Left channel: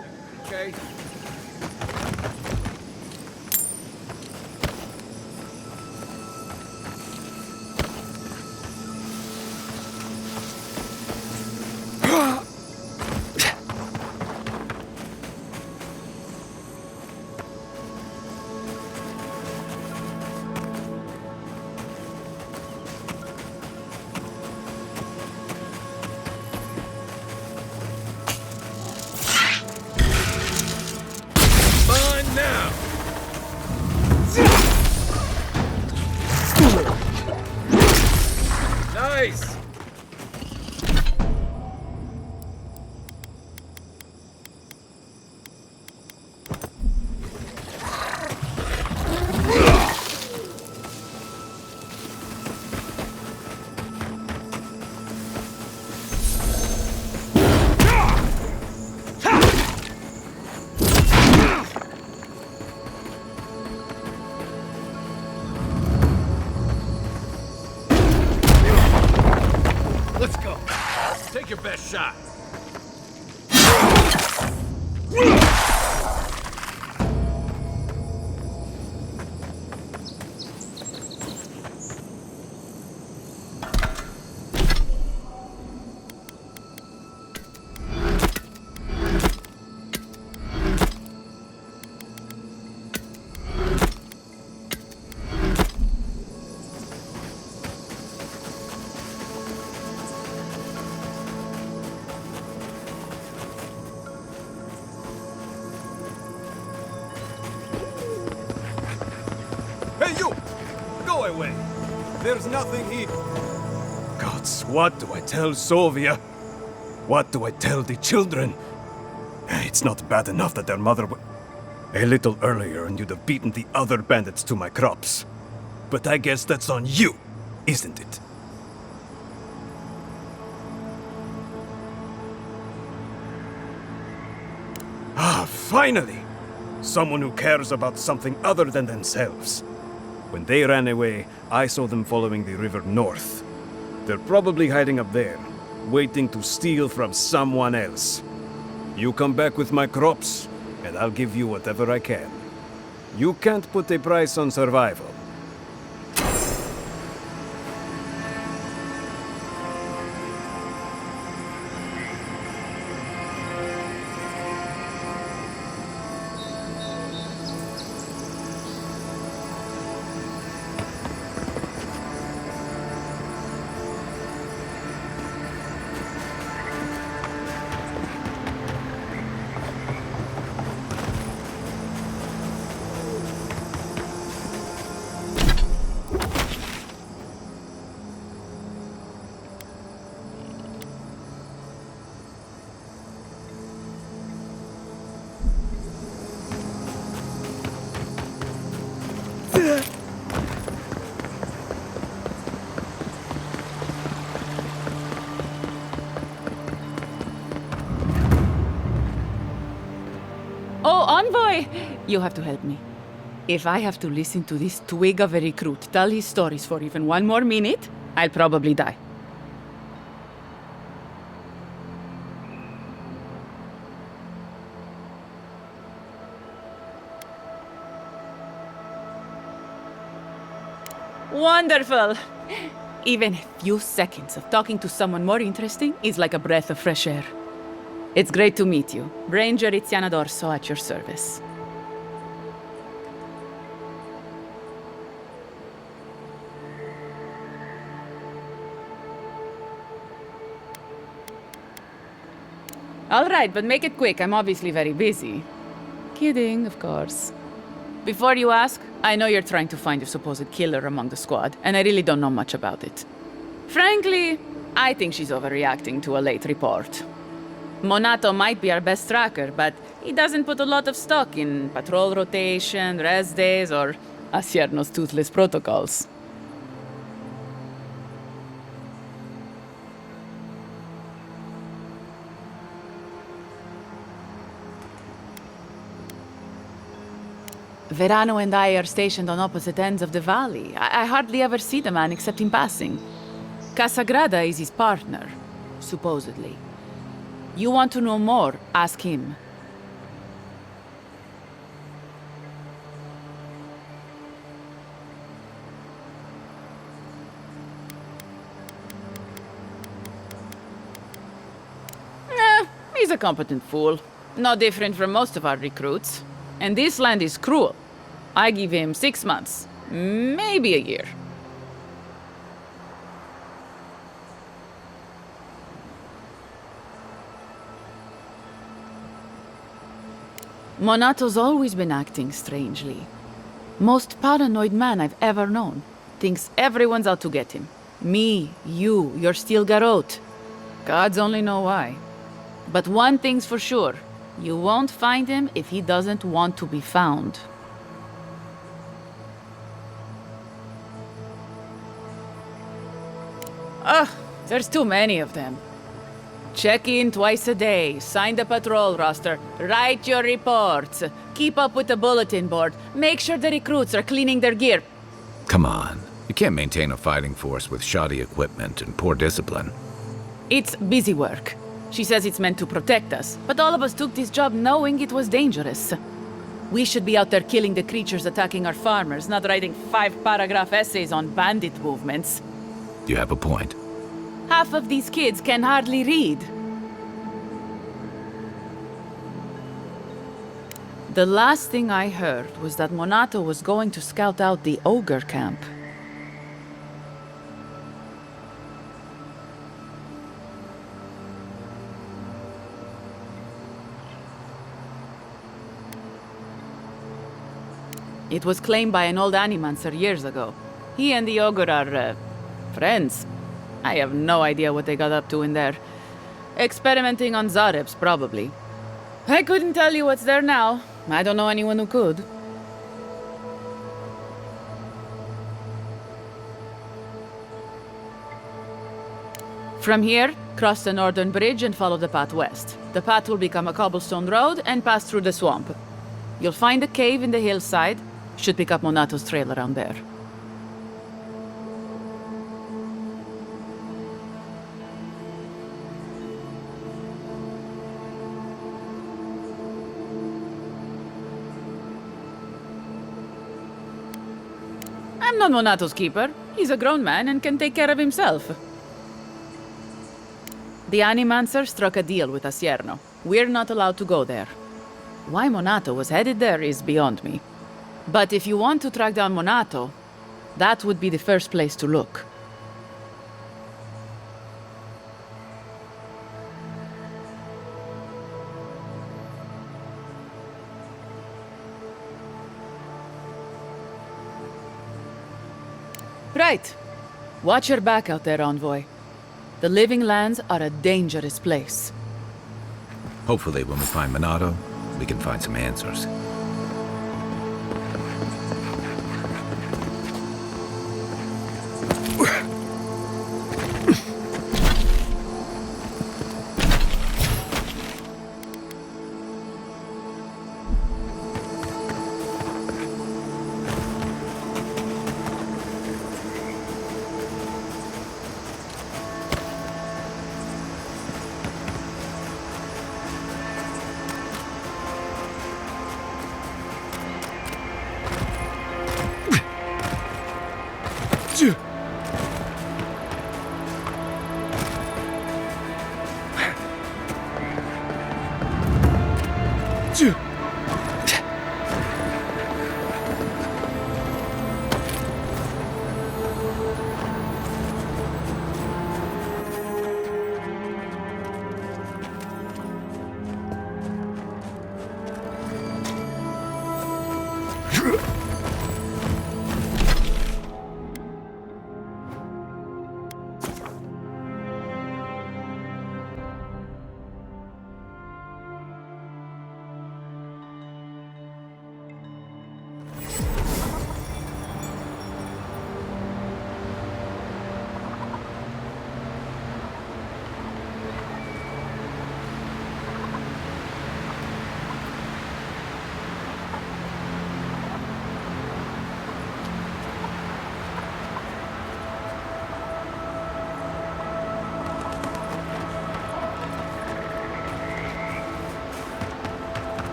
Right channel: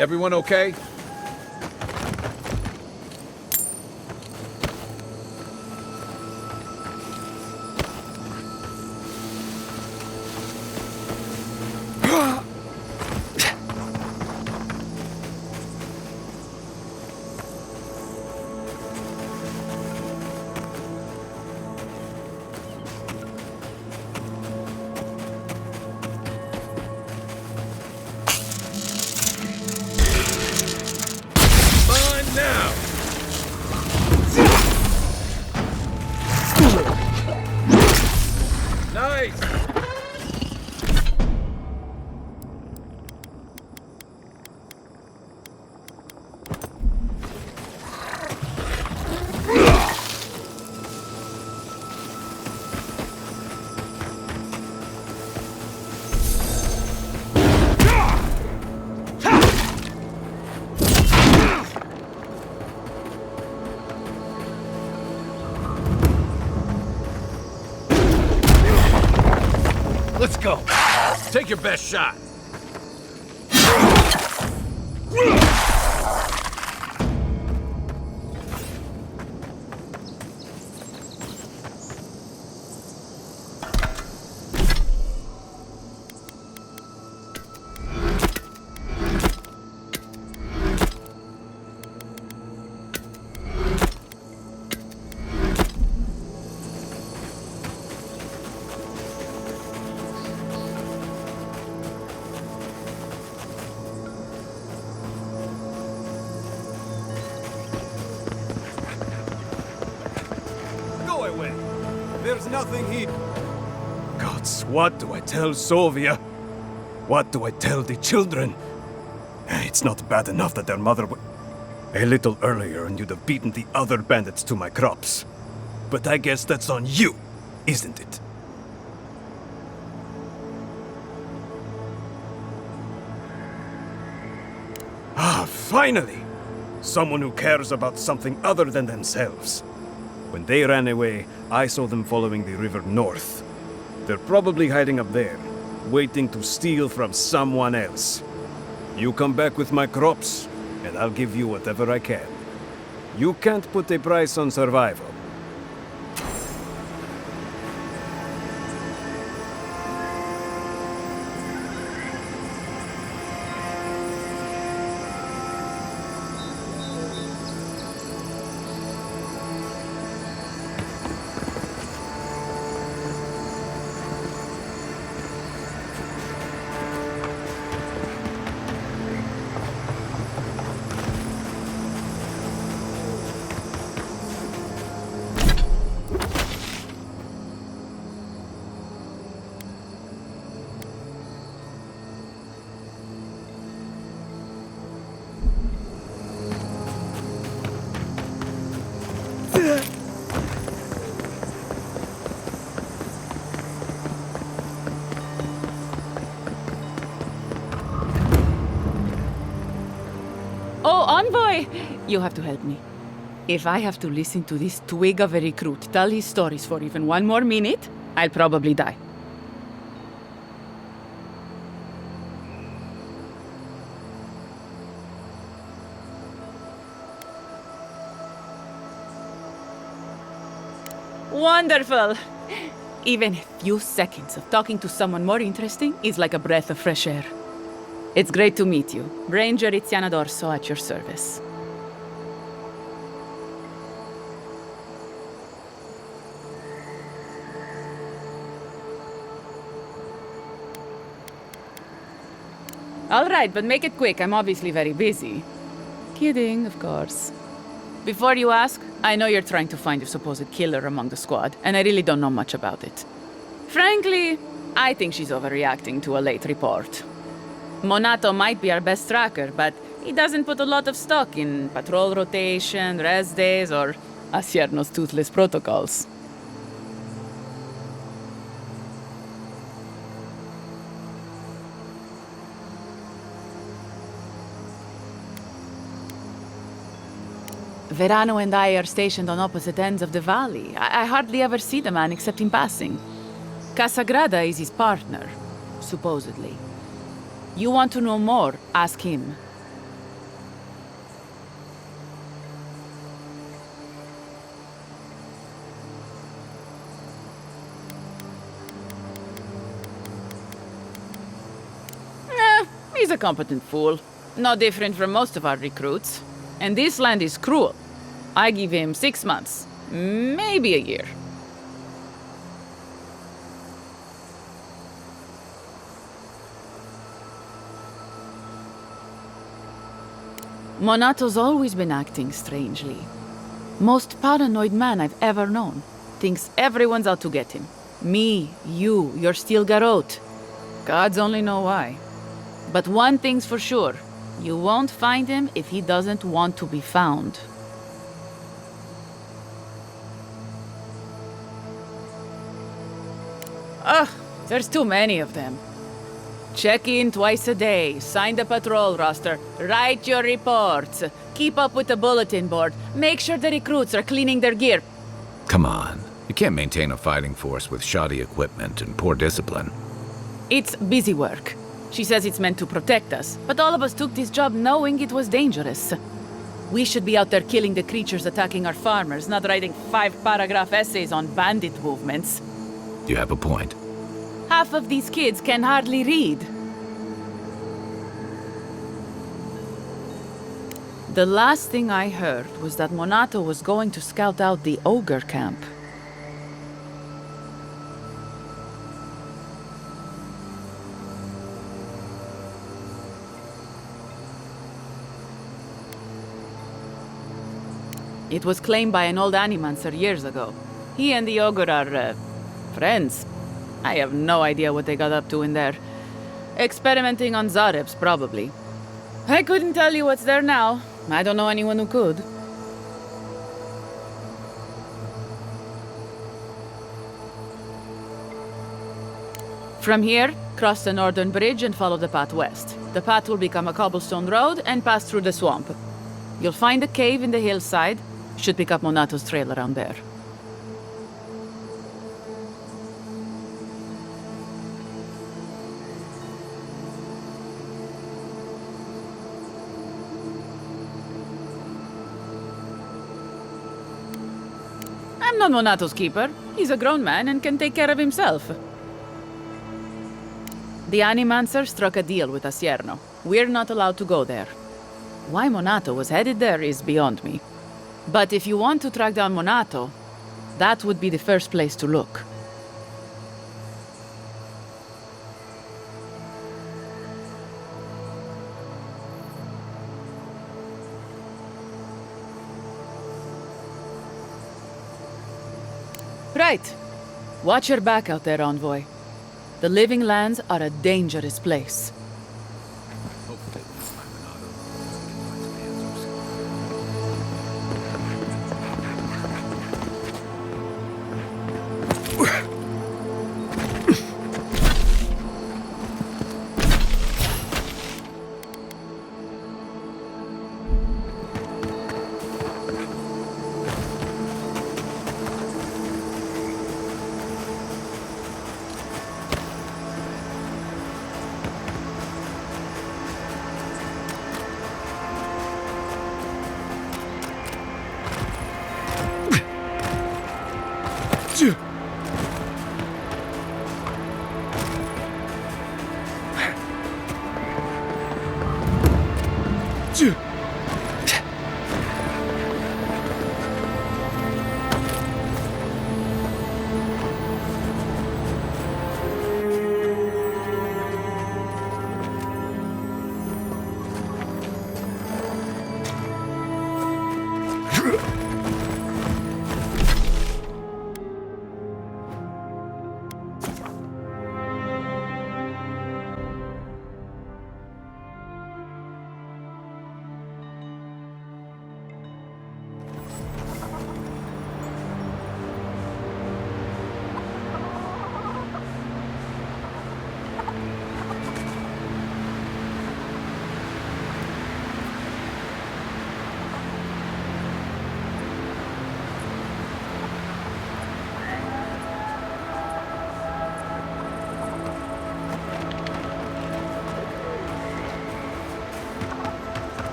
Everyone okay? Fine now! Nice! Let's go. Take your best shot. Hey, you! Go away! There's nothing here. Gods, what do I tell Sovia? What do I tell the children? It's not bad enough that their mother a little earlier and you'd have beaten the other bandits to my crops. But I guess that's on you, isn't it? Ah, finally! Someone who cares about something other than themselves. When they ran away, I saw them following the river north. They're probably hiding up there, waiting to steal from someone else. You come back with my crops, and I'll give you whatever I can. You can't put a price on survival. Oh, Envoy! You have to help me. If I have to listen to this twig of a recruit tell his stories for even one more minute, I'll probably die. Wonderful! Even a few seconds of talking to someone more interesting is like a breath of fresh air. It's great to meet you. Ranger Iziana Dorso at your service. All right, but make it quick. I'm obviously very busy. Kidding, of course. Before you ask, I know you're trying to find your supposed killer among the squad, and I really don't know much about it. Frankly, I think she's overreacting to a late report. Monato might be our best tracker, but he doesn't put a lot of stock in patrol rotation, rest days, or Asierno's toothless protocols. Verano and I are stationed on opposite ends of the valley. I hardly ever see the man except in passing. Casagrada is his partner, supposedly. You want to know more, ask him. He's a competent fool. No different from most of our recruits. And this land is cruel. I give him 6 months. Maybe a year. Monato's always been acting strangely. Most paranoid man I've ever known. Thinks everyone's out to get him. Me, you, your steel garrote. Gods only know why. But one thing's for sure. You won't find him if he doesn't want to be found. Ugh, there's too many of them. Check in twice a day, sign the patrol roster, write your reports, keep up with the bulletin board, make sure the recruits are cleaning their gear. Come on. You can't maintain a fighting force with shoddy equipment and poor discipline. It's busy work. She says it's meant to protect us, but all of us took this job knowing it was dangerous. We should be out there killing the creatures attacking our farmers, not writing 5-paragraph essays on bandit movements. You have a point. Half of these kids can hardly read. The last thing I heard was that Monato was going to scout out the ogre camp. It was claimed by an old animancer years ago. He and the ogre are, friends. I have no idea what they got up to in there. Experimenting on Zarebs, probably. I couldn't tell you what's there now. I don't know anyone who could. From here, cross the northern bridge and follow the path west. The path will become a cobblestone road and pass through the swamp. You'll find a cave in the hillside. Should pick up Monato's trail around there. I'm not Monato's keeper. He's a grown man and can take care of himself. The Animancer struck a deal with Asierno. We're not allowed to go there. Why Monato was headed there is beyond me. But if you want to track down Monato, that would be the first place to look. Right. Watch your back out there, Envoy. The Living Lands are a dangerous place. Hopefully when we find Minato, we can find some answers.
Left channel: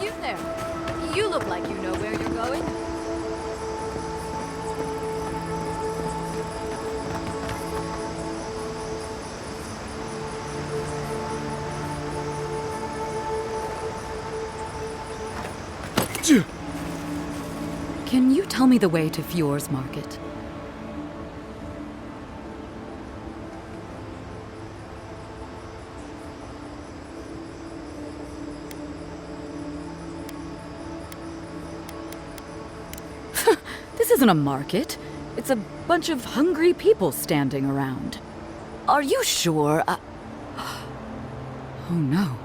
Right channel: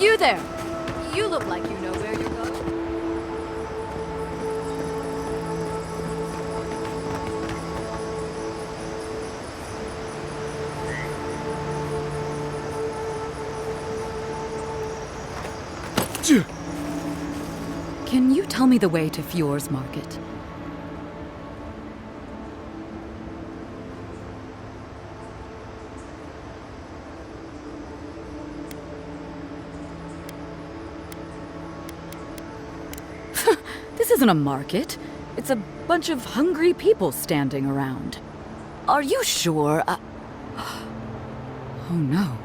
You there! You look like you know where you're going. Can you tell me the way to Fjord's market? This isn't a market. It's a bunch of hungry people standing around. Are you sure? Oh no.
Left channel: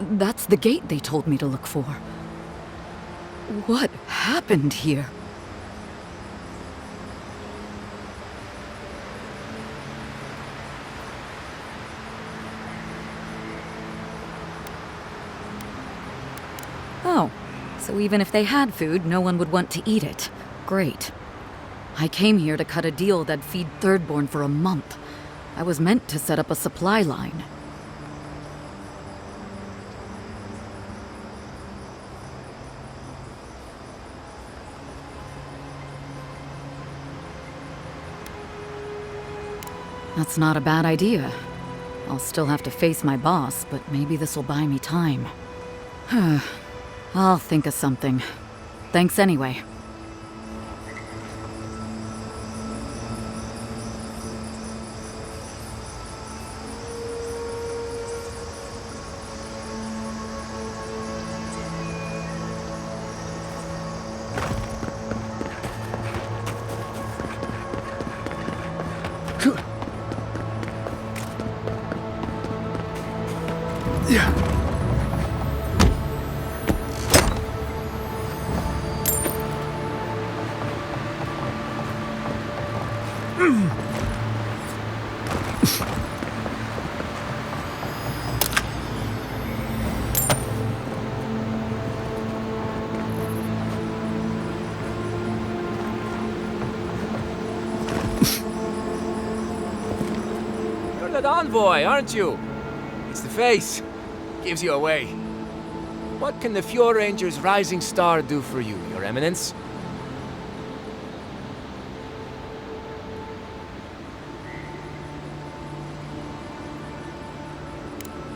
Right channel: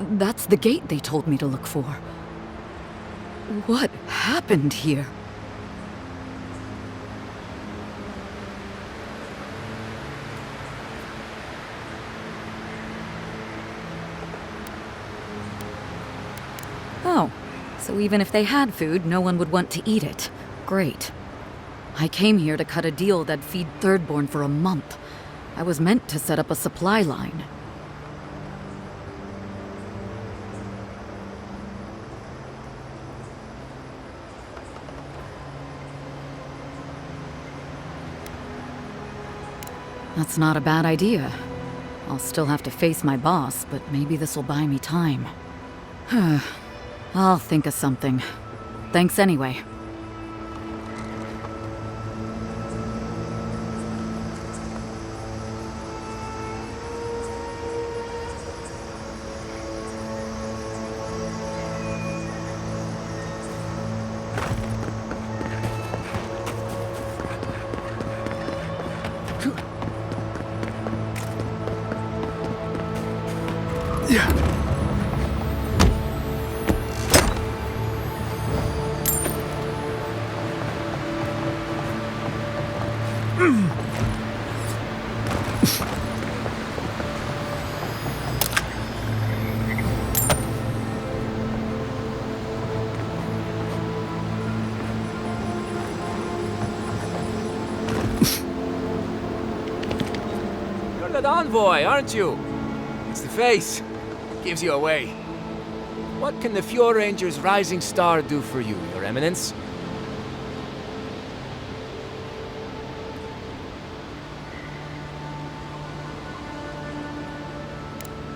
That's the gate they told me to look for. What happened here? Oh, so even if they had food, no one would want to eat it. Great. I came here to cut a deal that'd feed Thirdborn for a month. I was meant to set up a supply line. That's not a bad idea. I'll still have to face my boss, but maybe this'll buy me time. I'll think of something. Thanks anyway. You're that envoy, aren't you? It's the face. Gives you away. What can the Fjord Ranger's rising star do for you, Your Eminence?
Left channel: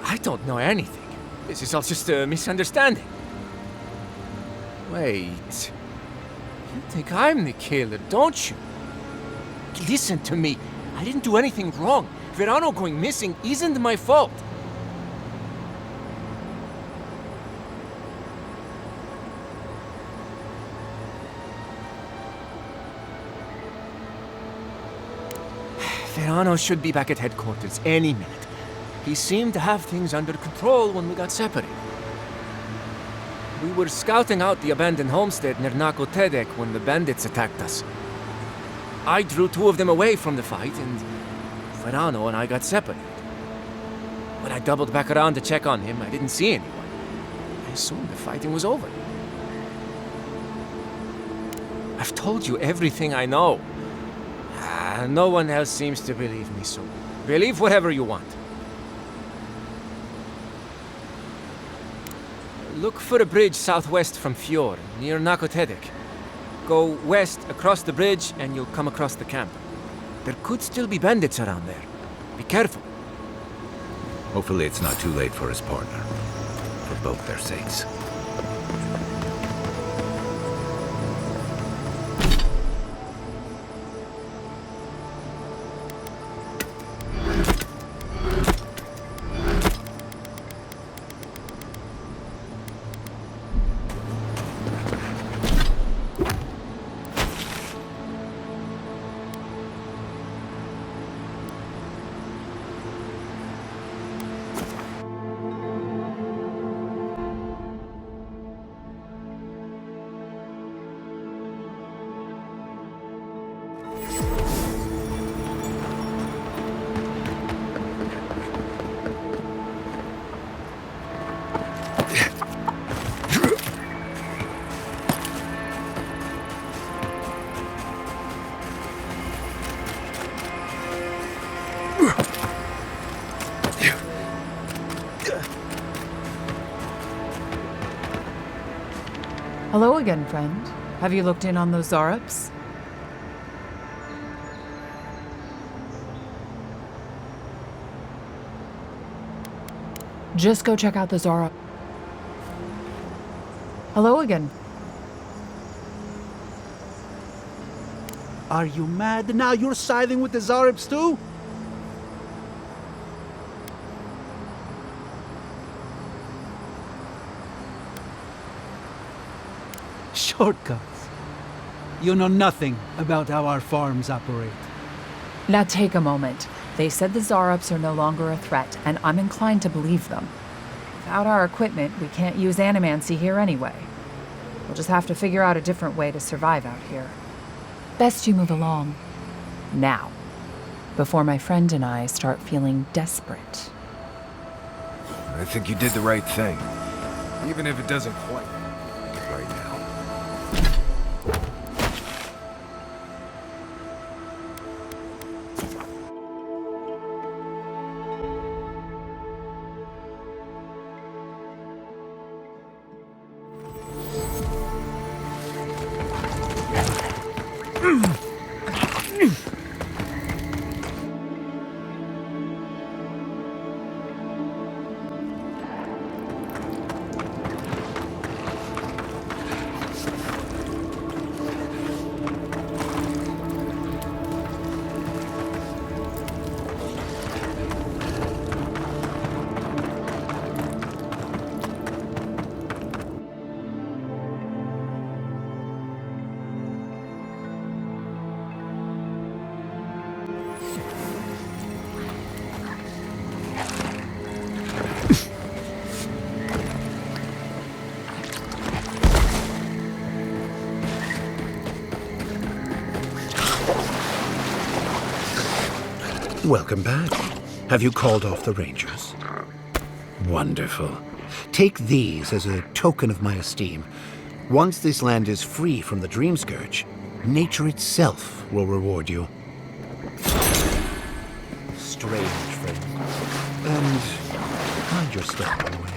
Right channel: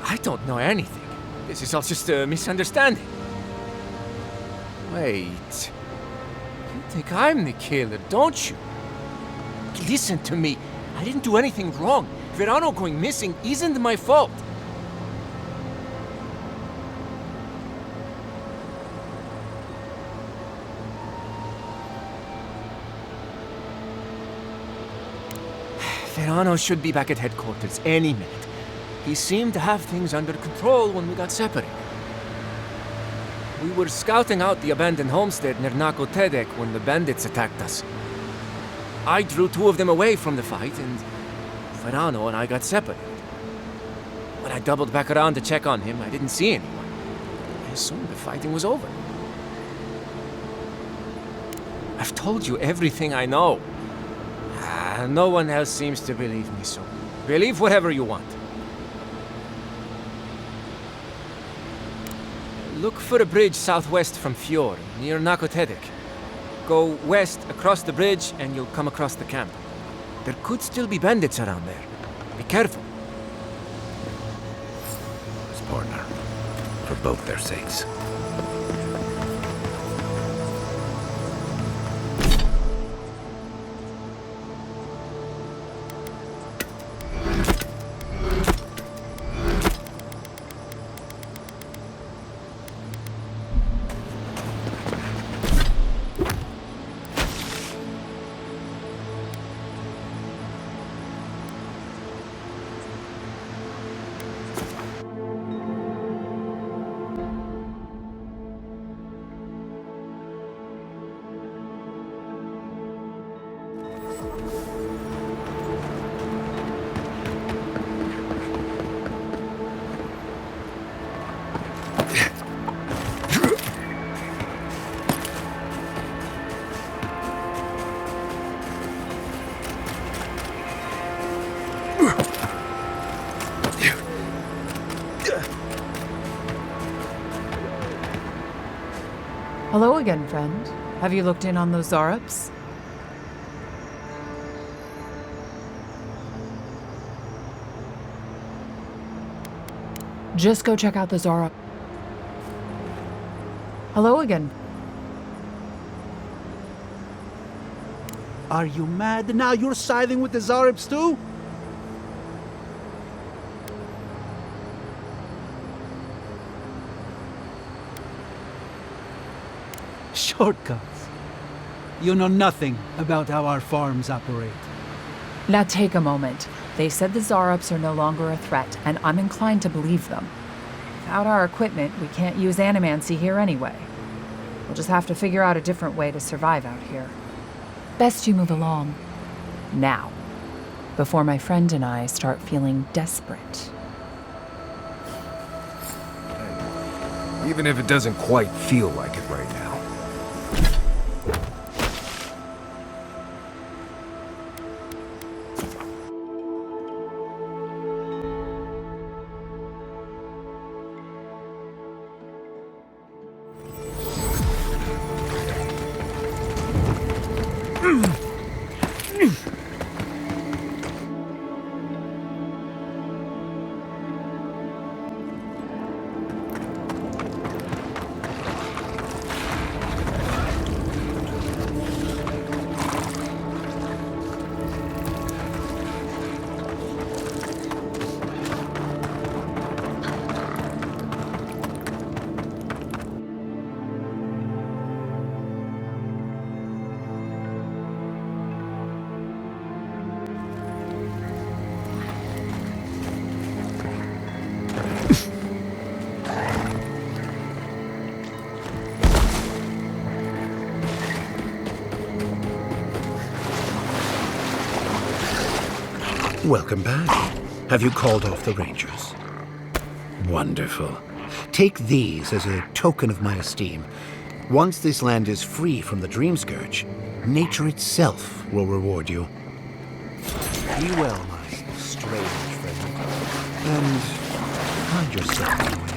I don't know anything. This is all just a misunderstanding. Wait. You think I'm the killer, don't you? Listen to me. I didn't do anything wrong. Verano going missing isn't my fault. Verano should be back at headquarters any minute. He seemed to have things under control when we got separated. We were scouting out the abandoned homestead near Nakotedek when the bandits attacked us. I drew two of them away from the fight, and Verano and I got separated. When I doubled back around to check on him, I didn't see anyone. I assumed the fighting was over. I've told you everything I know. No one else seems to believe me, so believe whatever you want. Look for a bridge southwest from Fjord, near Nakotedek. Go west across the bridge and you'll come across the camp. There could still be bandits around there. Be careful. Hopefully it's not too late for his partner. For both their sakes. Hello again, friend. Have you looked in on those Zarups? Just go check out the Zarup. Hello again. Are you mad now? You're siding with the Zaribs too? Shortcuts. You know nothing about how our farms operate. Now take a moment. They said the Zarups are no longer a threat, and I'm inclined to believe them. Without our equipment, we can't use animancy here anyway. We'll just have to figure out a different way to survive out here. Best you move along. Now. Before my friend and I start feeling desperate. I think you did the right thing. Even if it doesn't quite feel like it right now. Welcome back. Have you called off the Rangers? Wonderful. Take these as a token of my esteem. Once this land is free from the Dream Scourge, nature itself will reward you. Be well, my strange friend. And find yourself on the way out.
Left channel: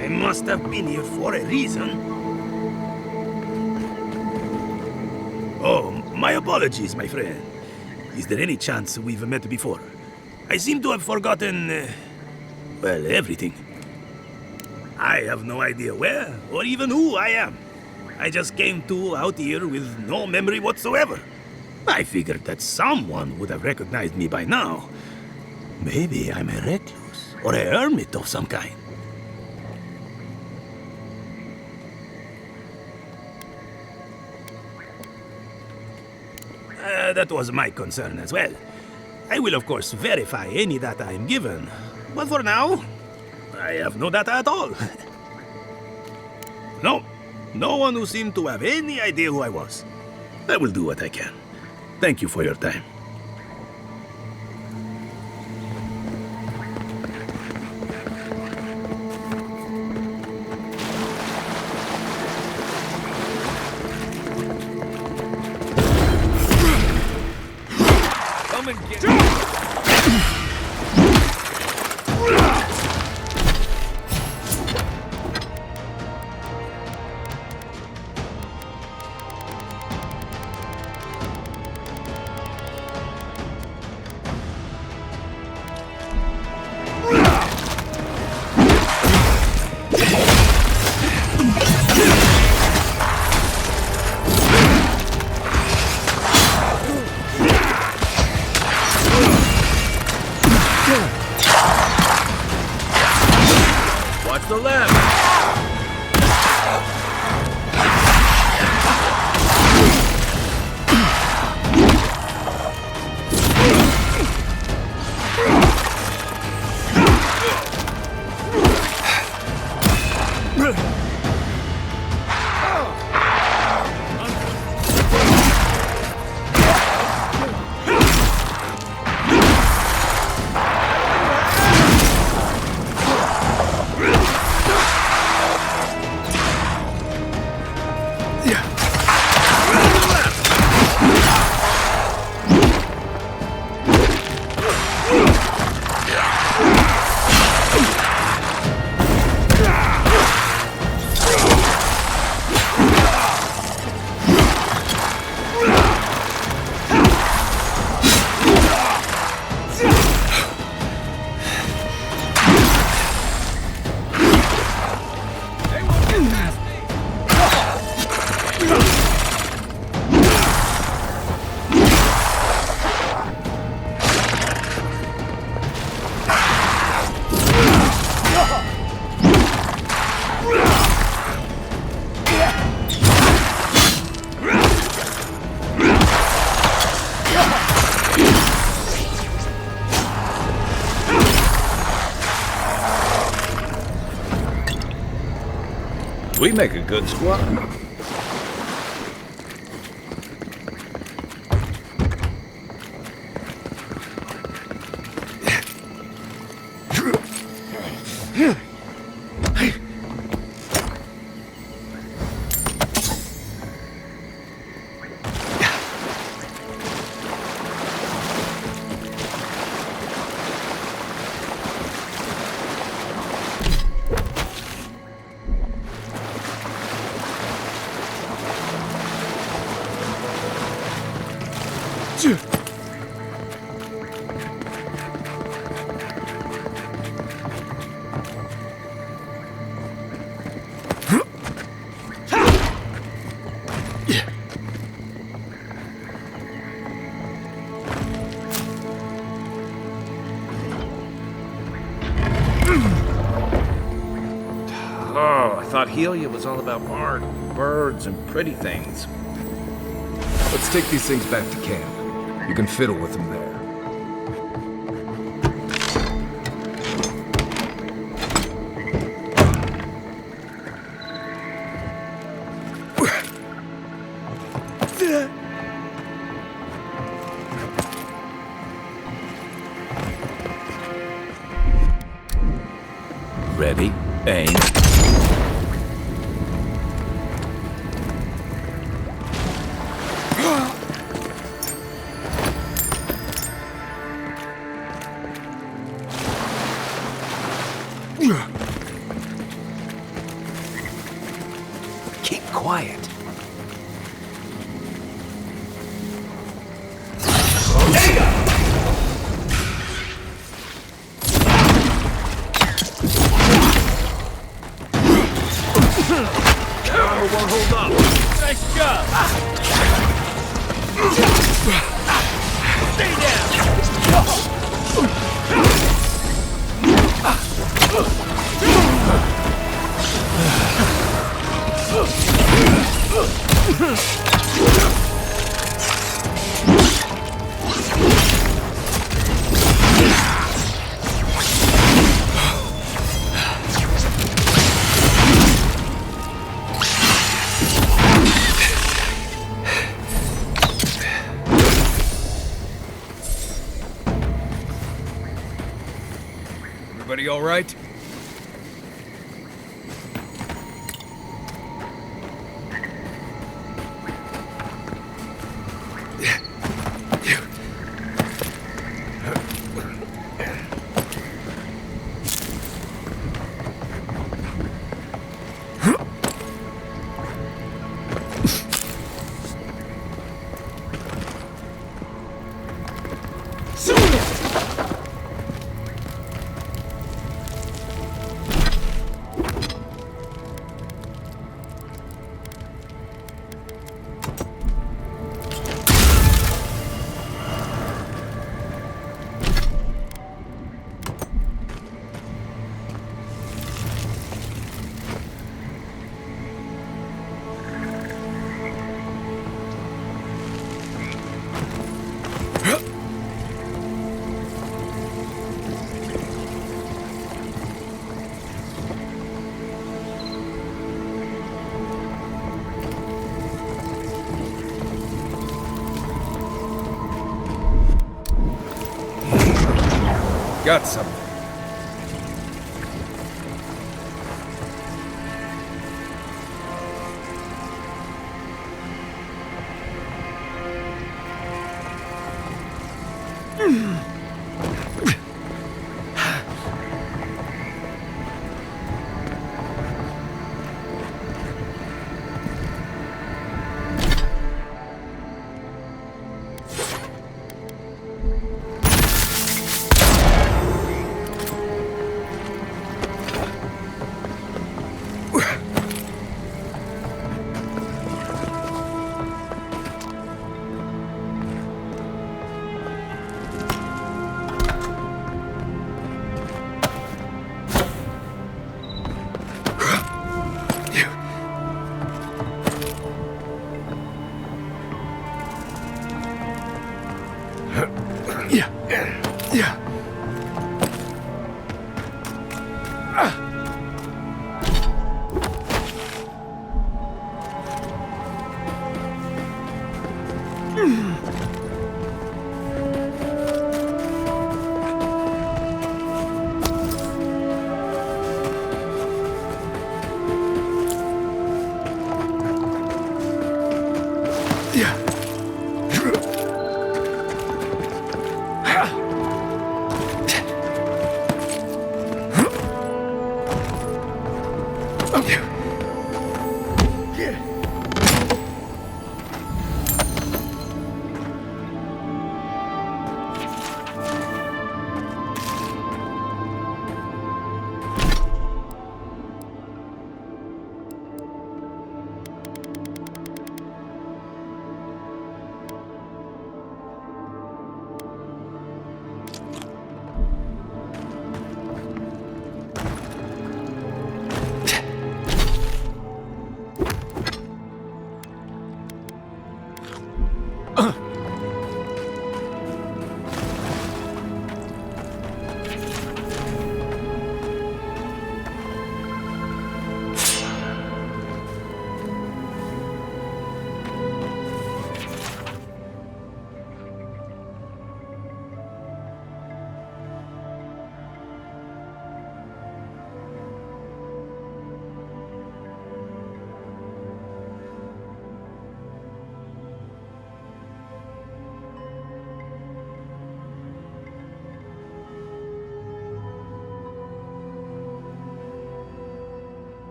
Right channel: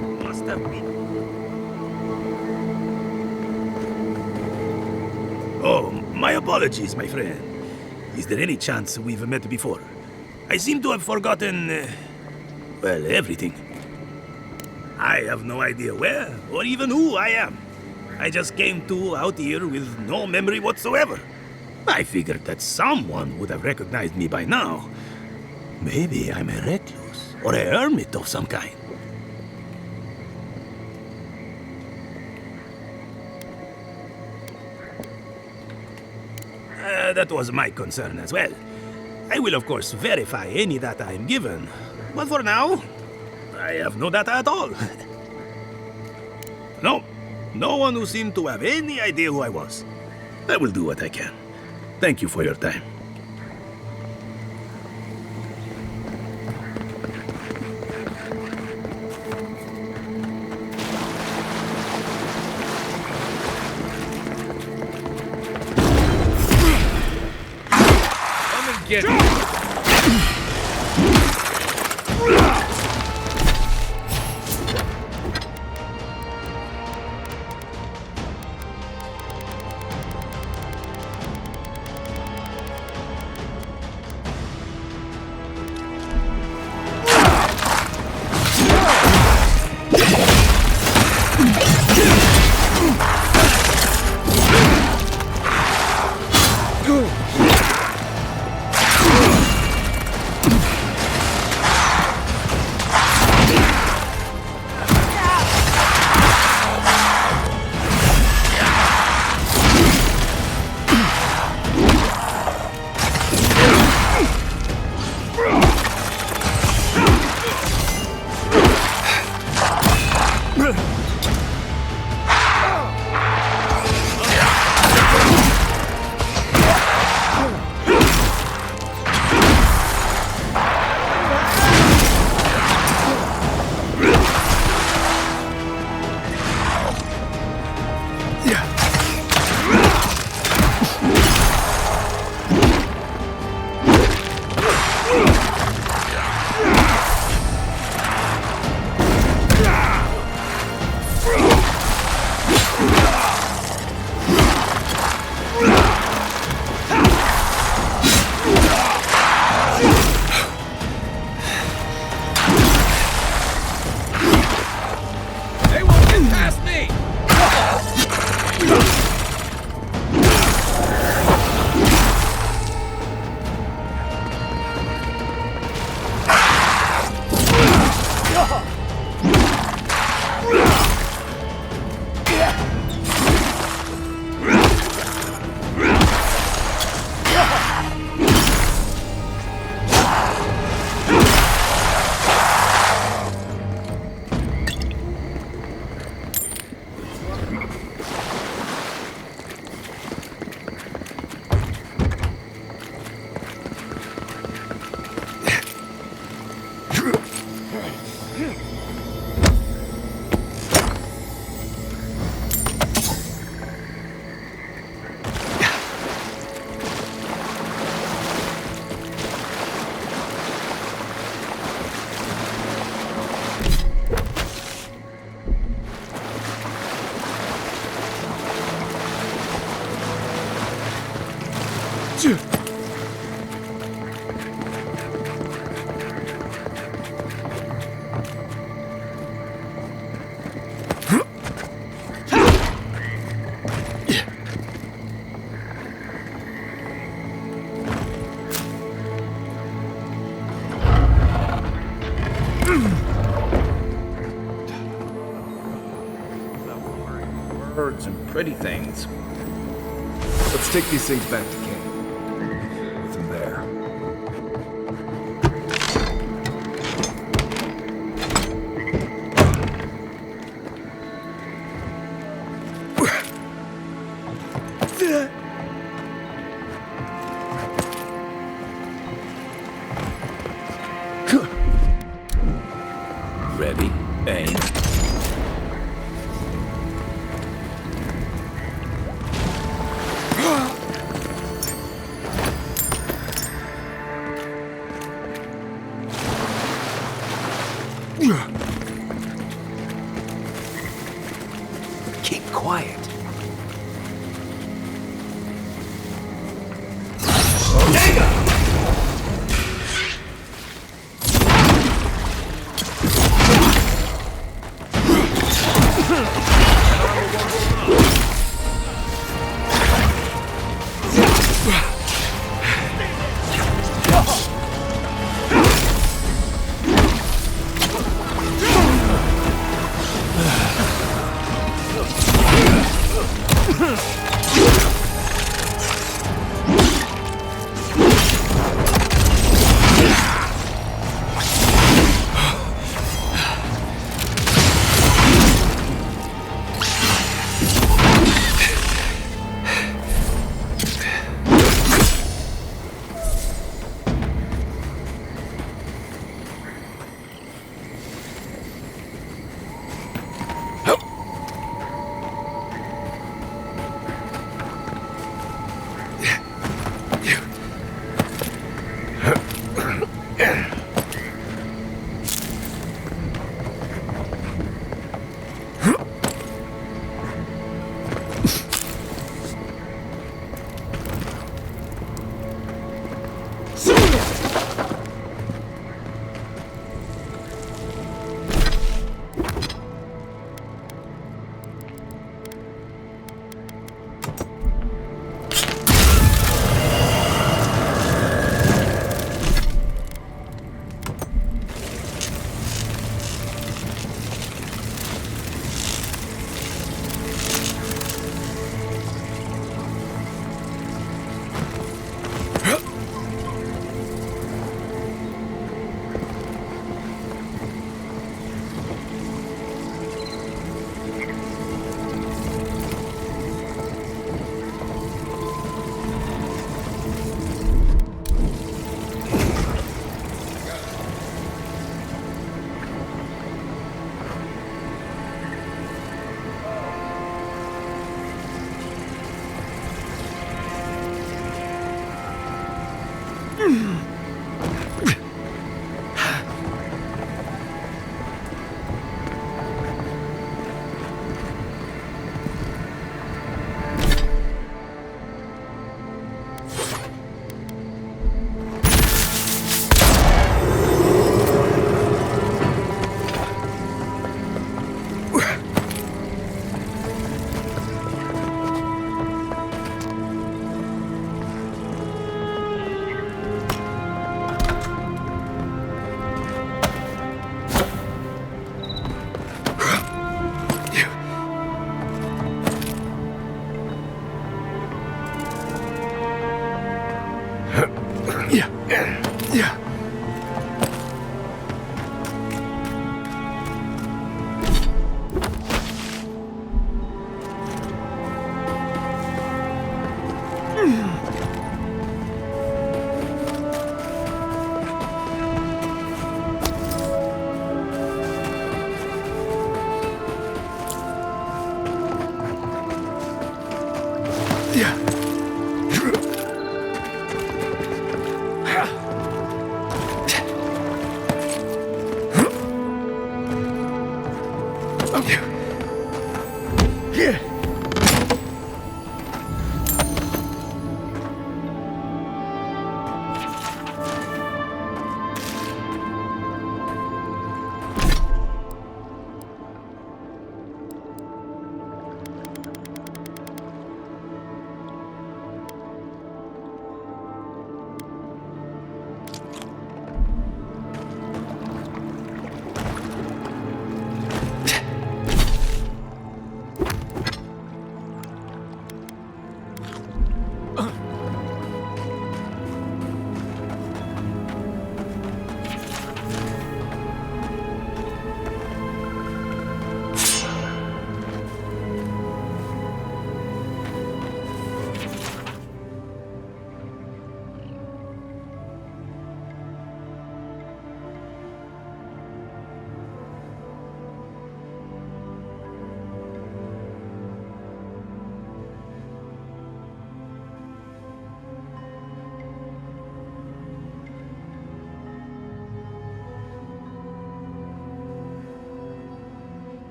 I must have been here for a reason. Oh, my apologies, my friend. Is there any chance we've met before? I seem to have forgotten, well, everything. I have no idea where or even who I am. I just came out here with no memory whatsoever. I figured that someone would have recognized me by now. Maybe I'm a recluse or a hermit of some kind. That was my concern as well. I will, of course, verify any data I'm given. But for now, I have no data at all. No one who seemed to have any idea who I was. I will do what I can. Thank you for your time. Come and get it. make a good squad. Oh, I thought Helia was all about art, birds, and pretty things. Let's take these things back to camp. You can fiddle with them there. Ready? Aim. Keep quiet. Everybody all right? Got something.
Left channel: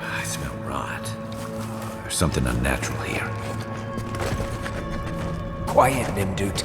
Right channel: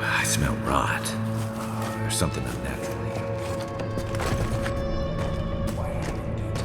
I smell rot. There's something unnatural here. Quiet, Nimdut.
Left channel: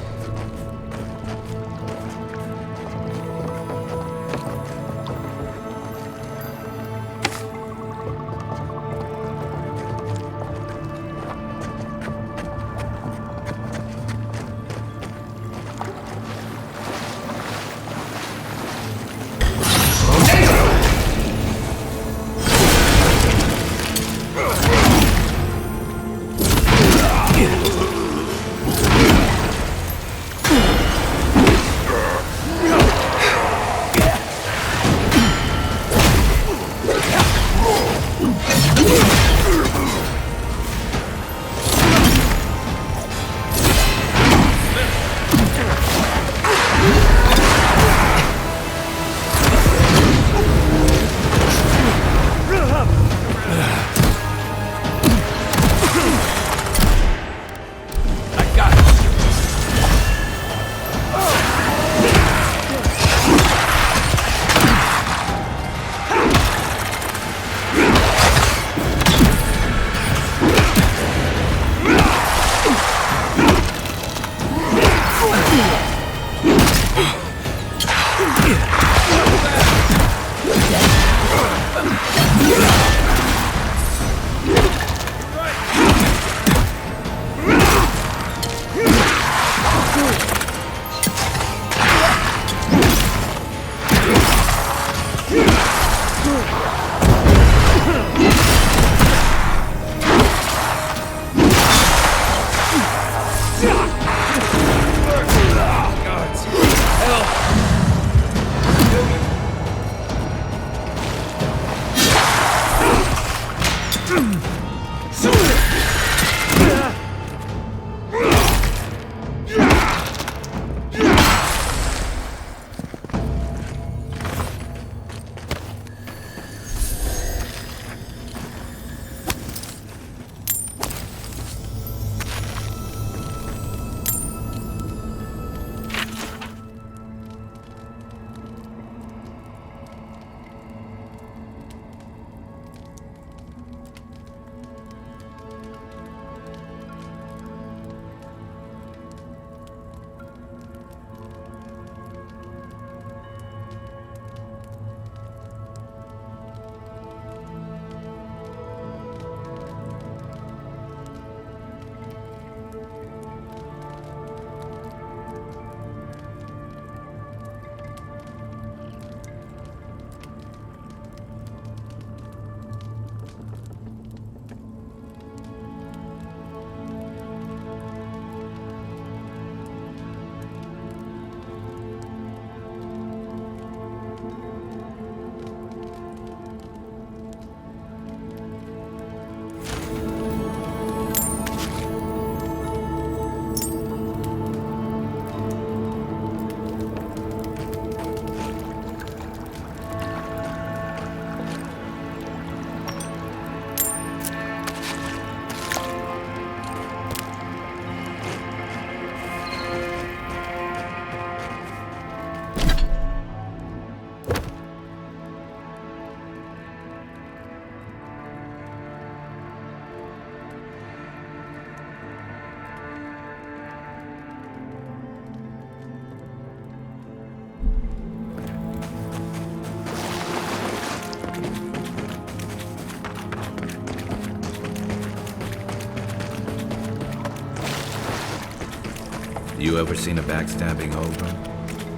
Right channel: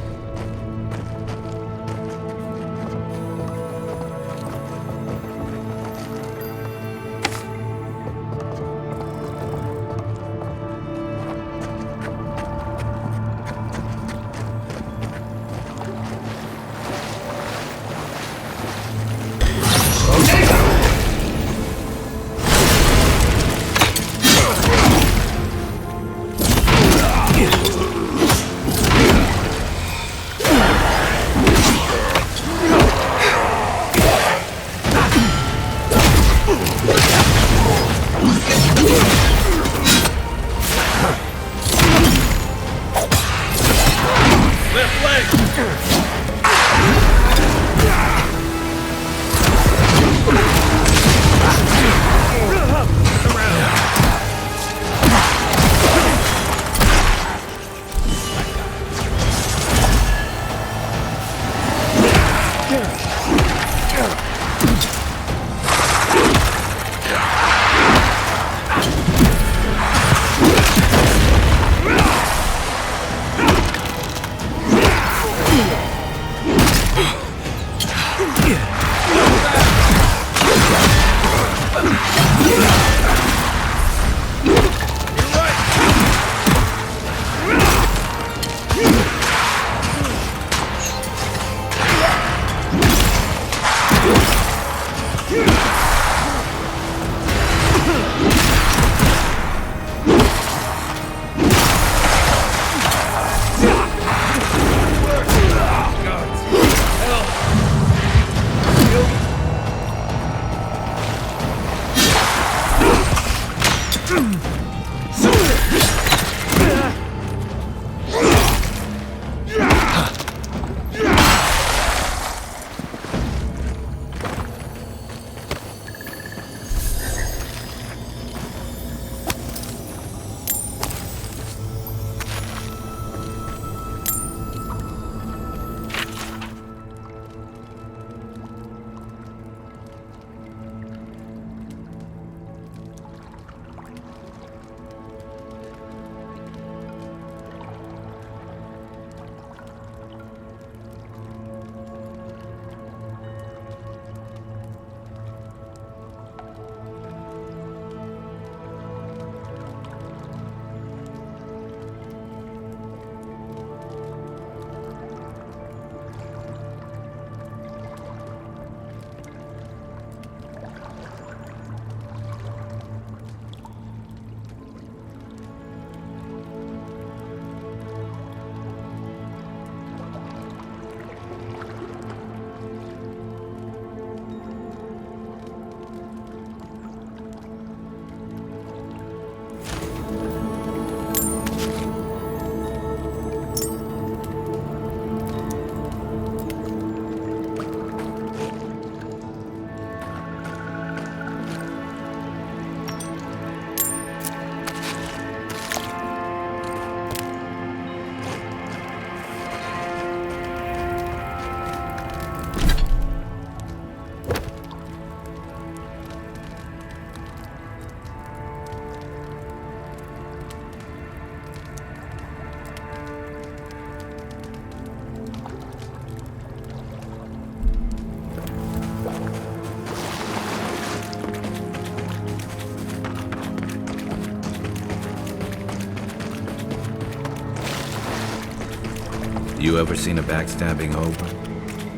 You ever seen a backstabbing hobo?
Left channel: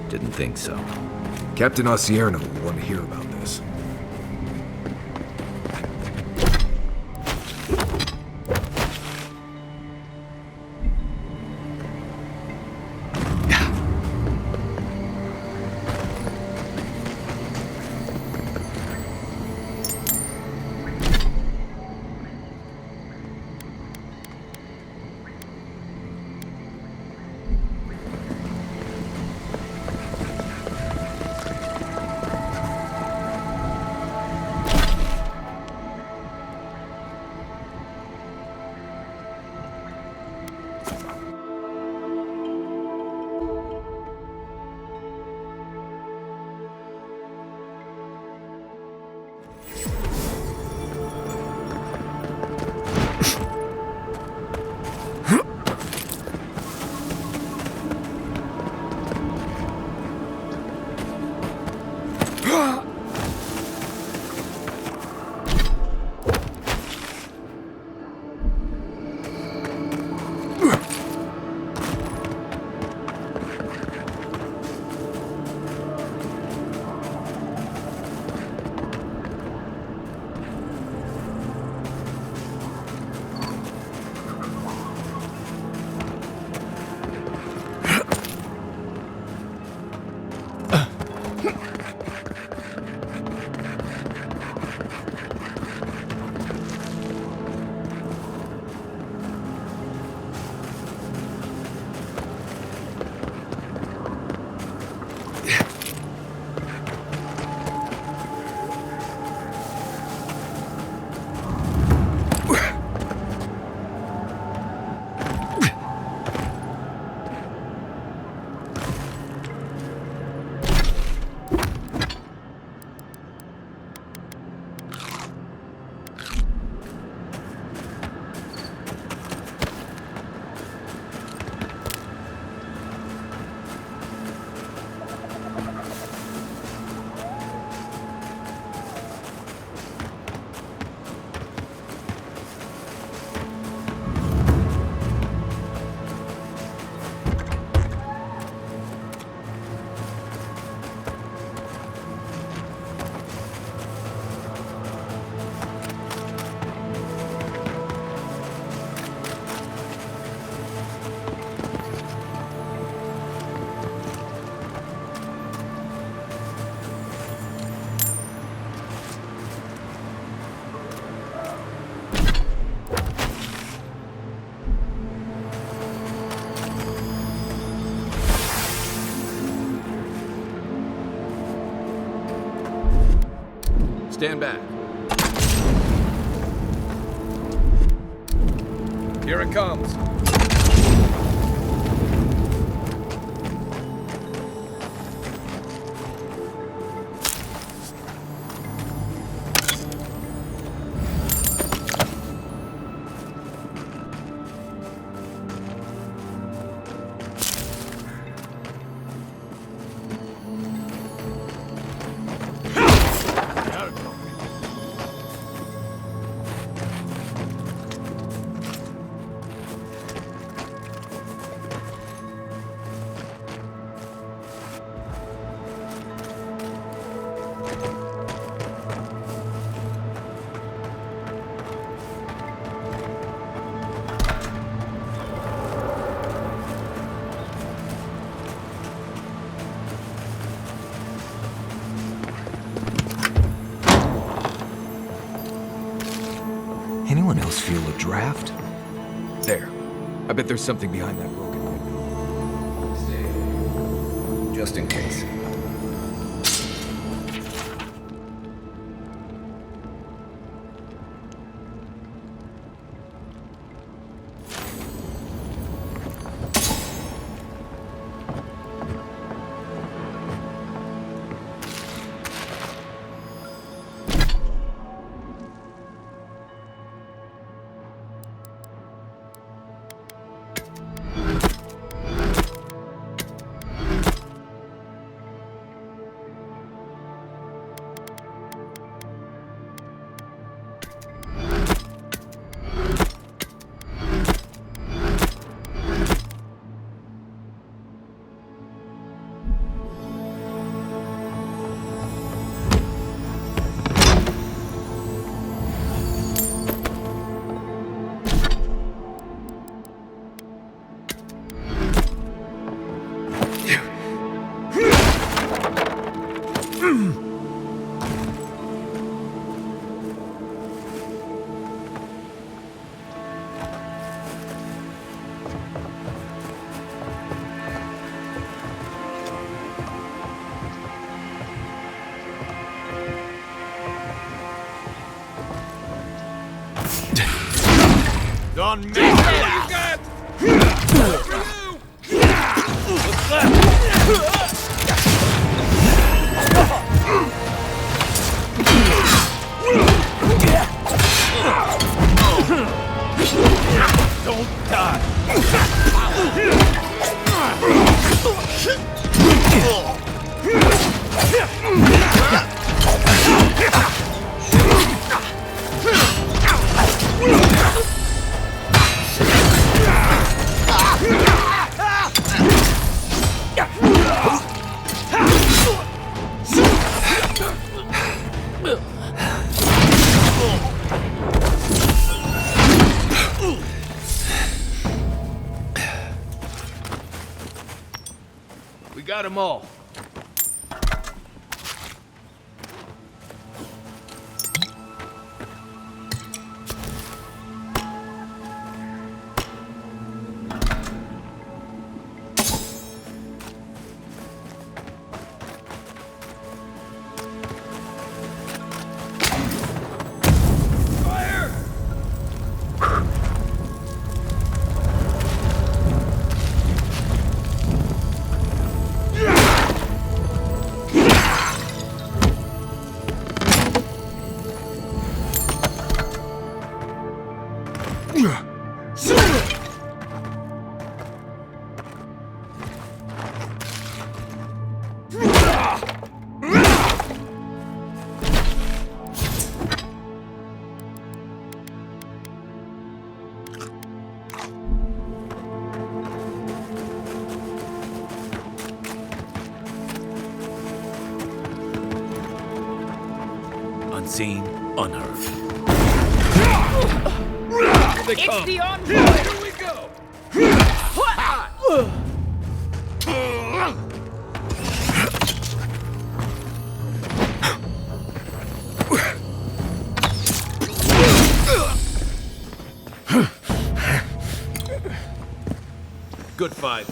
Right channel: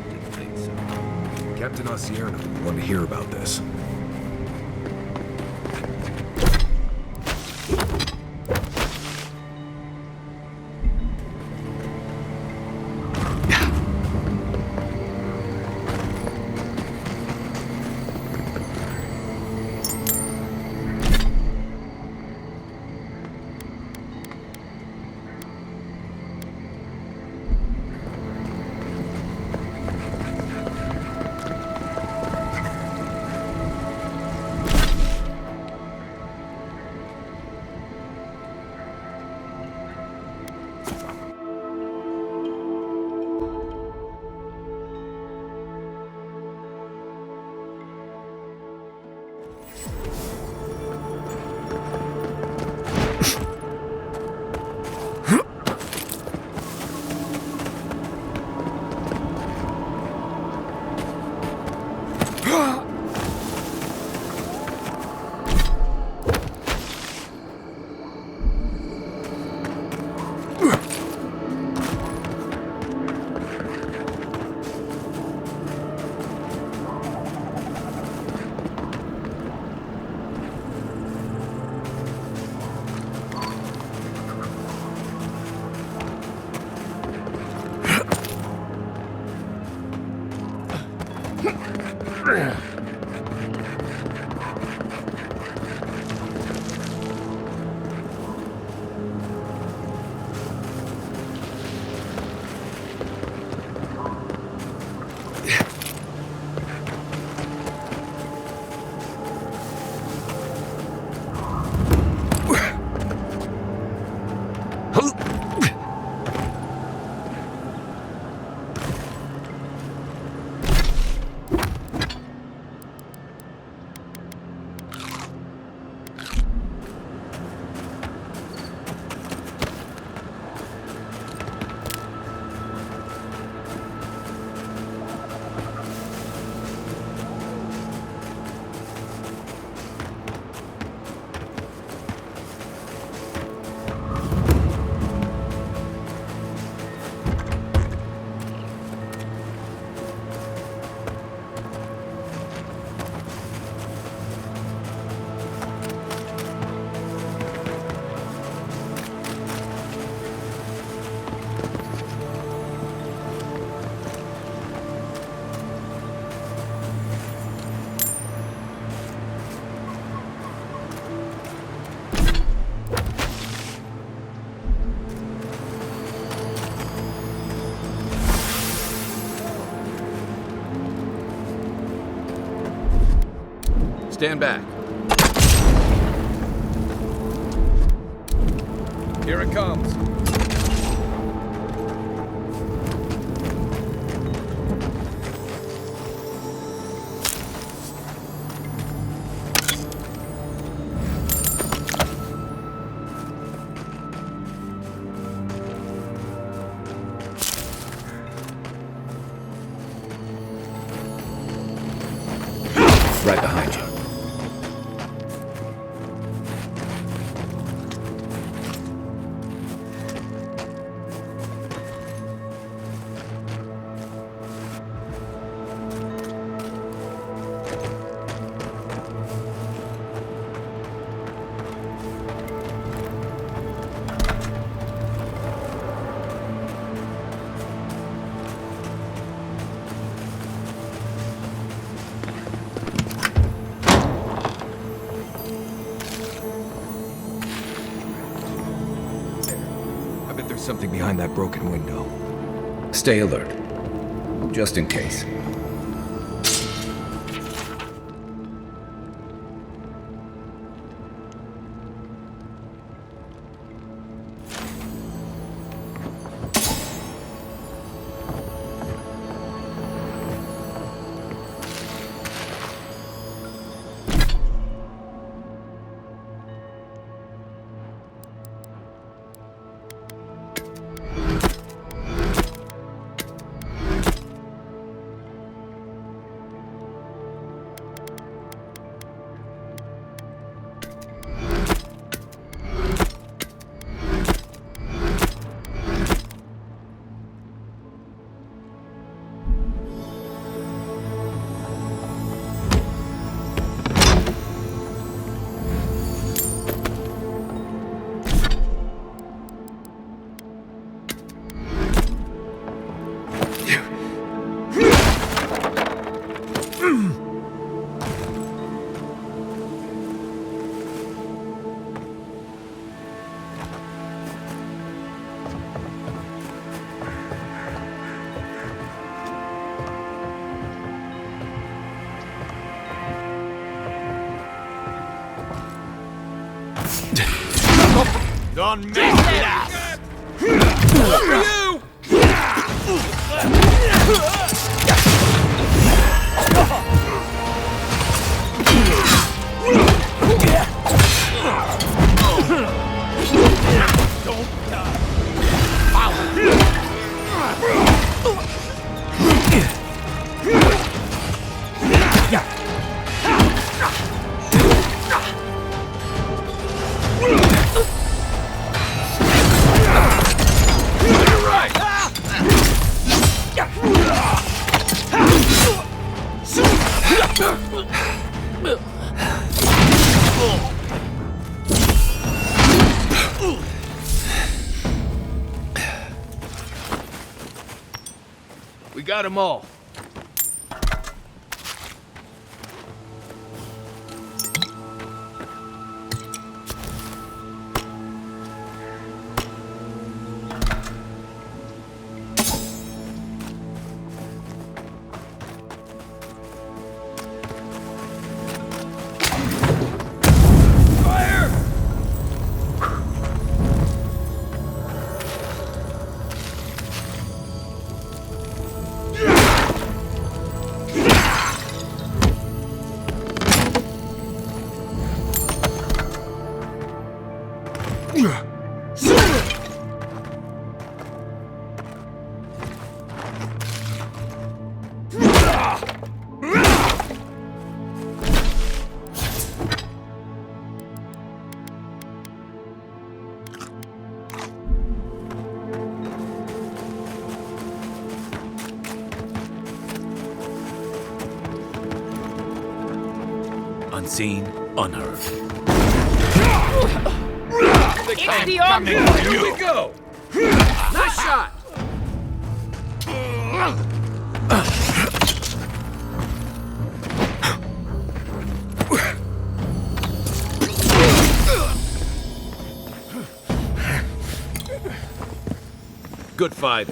Didn't think so. Captain Osierno will want to hear about this. Stand back. Here it comes. Right behind you. Anyone else feel a draft? There. I bet there's something behind that broken window. Stay alert. Just in case. Don't make me laugh! Don't die! We got them all. Unseen, unheard. It's the encore! Here we go! Nice shot! Good fight.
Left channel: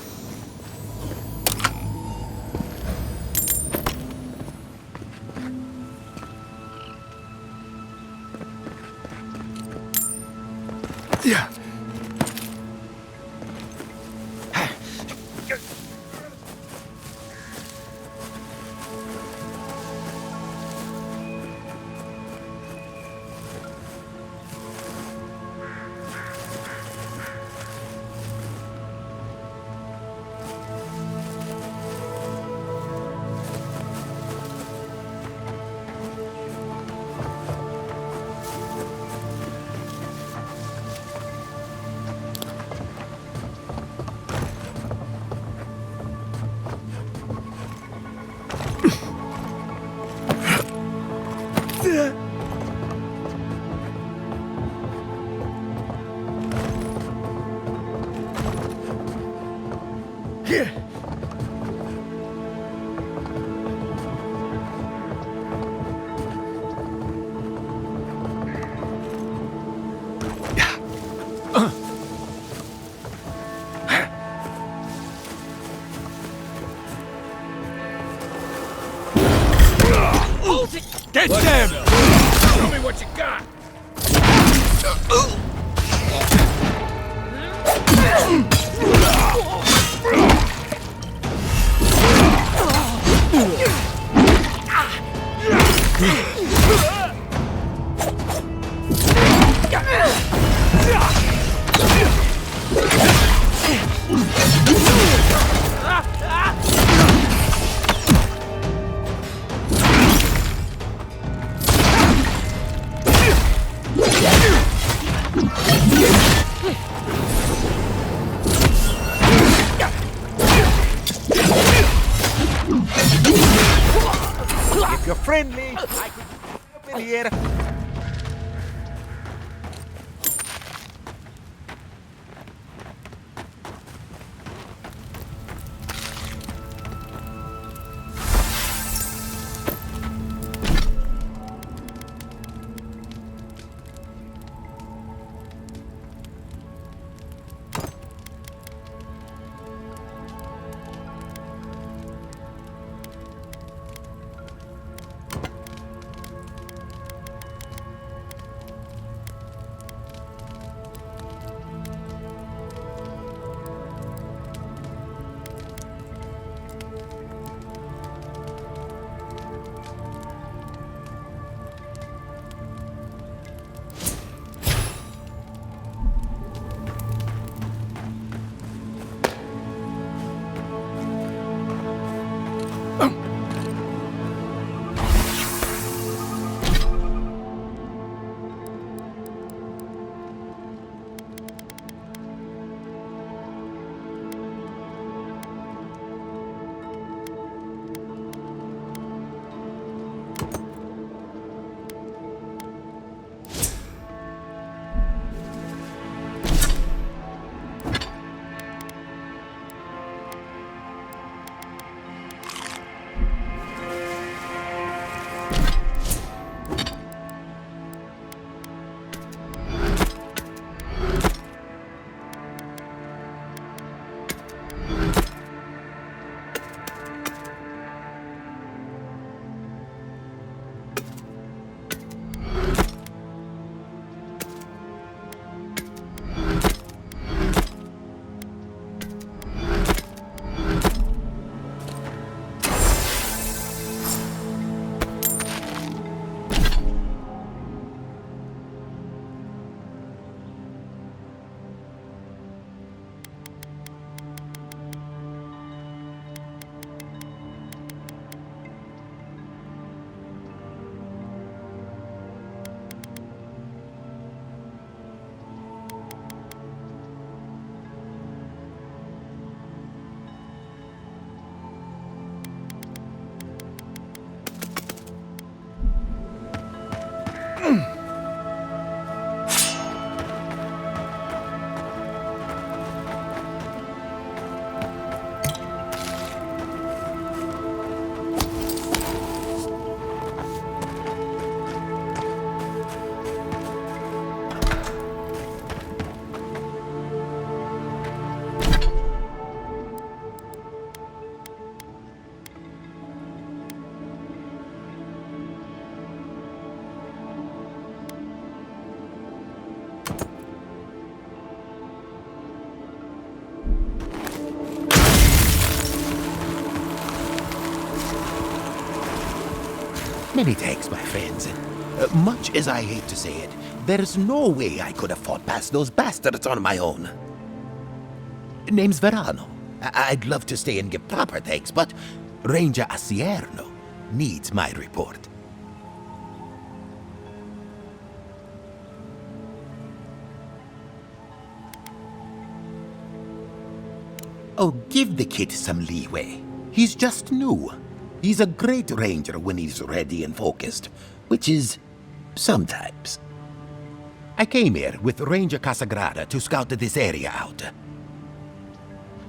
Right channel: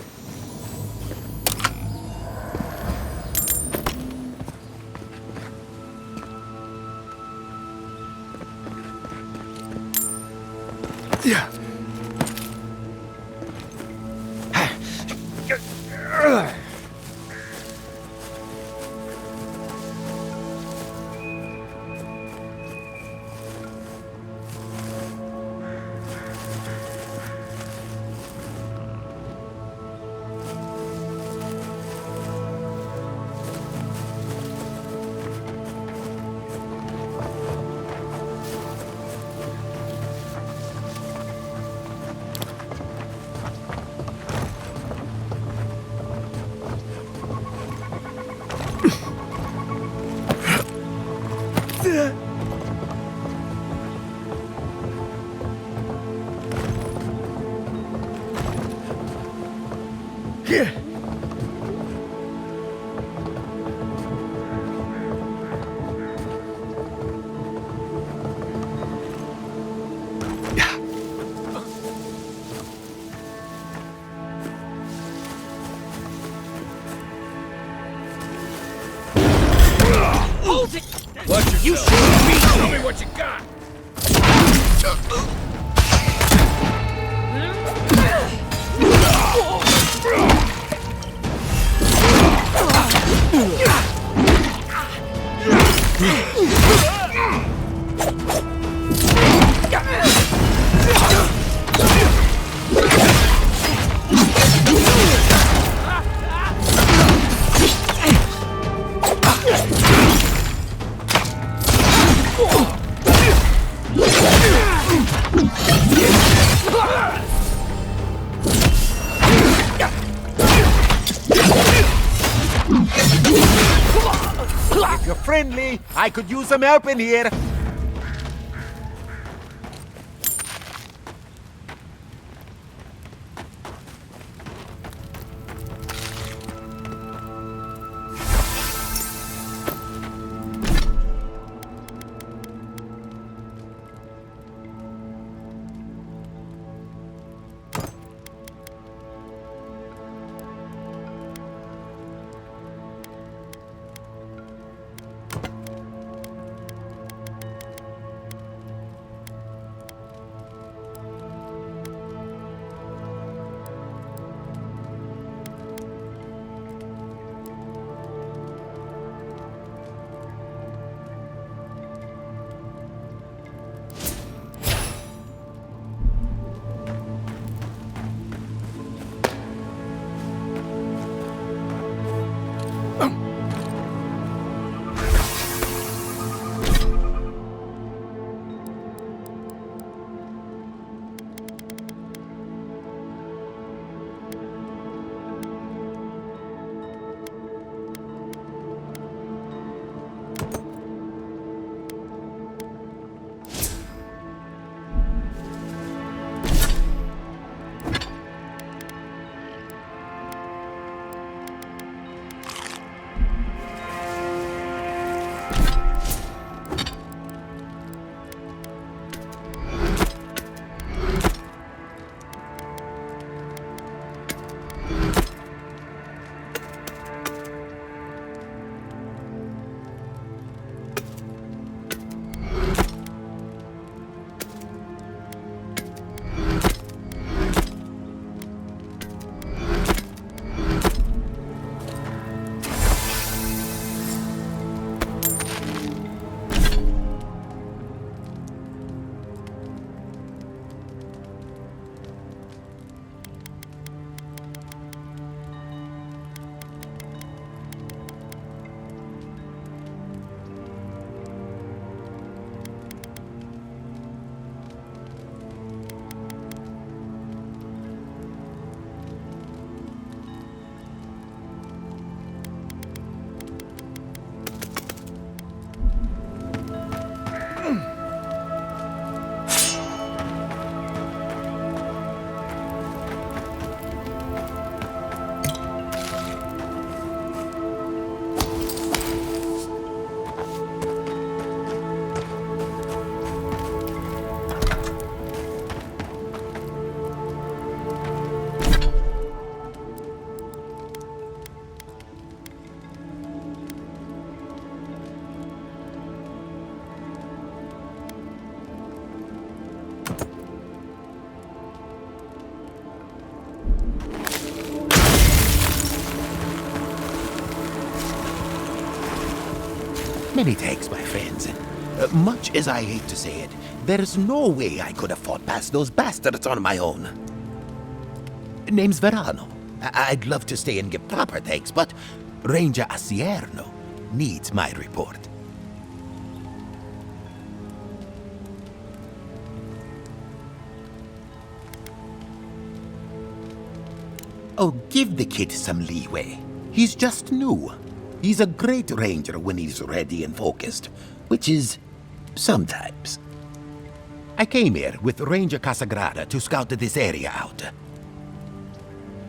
Yeah. Get down! Show me what you got! If you're friendly, I could use some help in here. Many thanks, my friends. Much as I hate to say it, there's no way I could have fought past those bastards on my own. Name's Verano. I'd love to stay and give proper thanks, but Ranger Acierno needs my report. Oh, give the kid some leeway. He's just new. He's a great ranger when he's ready and focused, which is sometimes. I came here with Ranger Casagrada to scout this area out.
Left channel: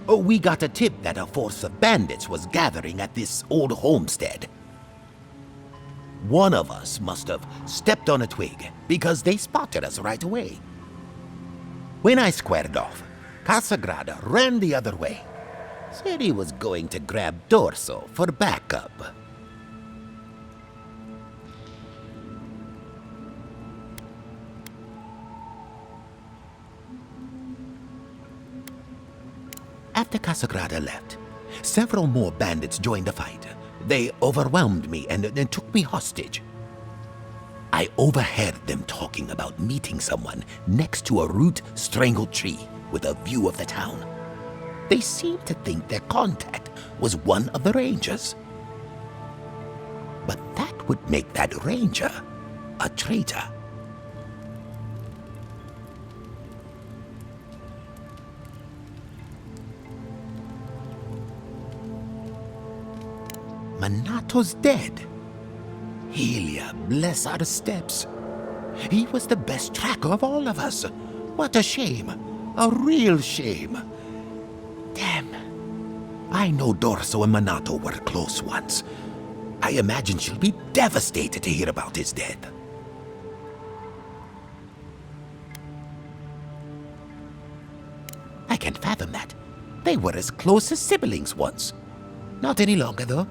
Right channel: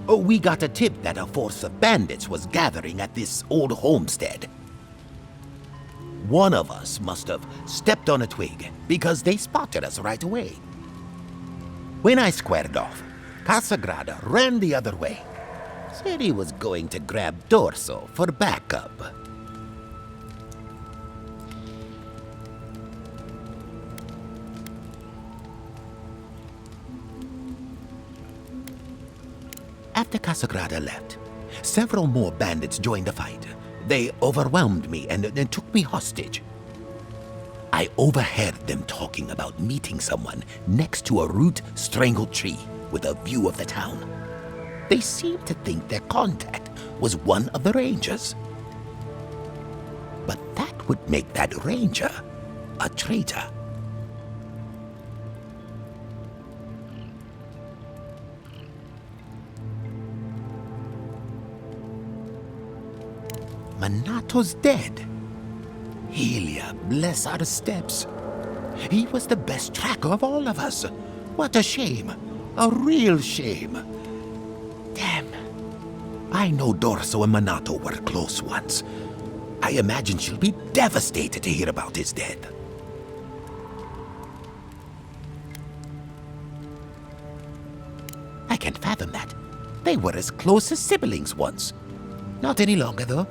Oh, we got a tip that a force of bandits was gathering at this old homestead. One of us must have stepped on a twig because they spotted us right away. When I squared off, Casagrada ran the other way. Said he was going to grab Dorso for backup. After Casagrada left, several more bandits joined the fight. They overwhelmed me and took me hostage. I overheard them talking about meeting someone next to a root-strangled tree with a view of the town. They seemed to think their contact was one of the rangers. But that would make that ranger a traitor. Manato's dead. Helia, bless our steps. He was the best tracker of all of us. What a shame. A real shame. Damn. I know Dorso and Manato were close once. I imagine she'll be devastated to hear about his death. I can't fathom that. They were as close as siblings once. Not any longer, though.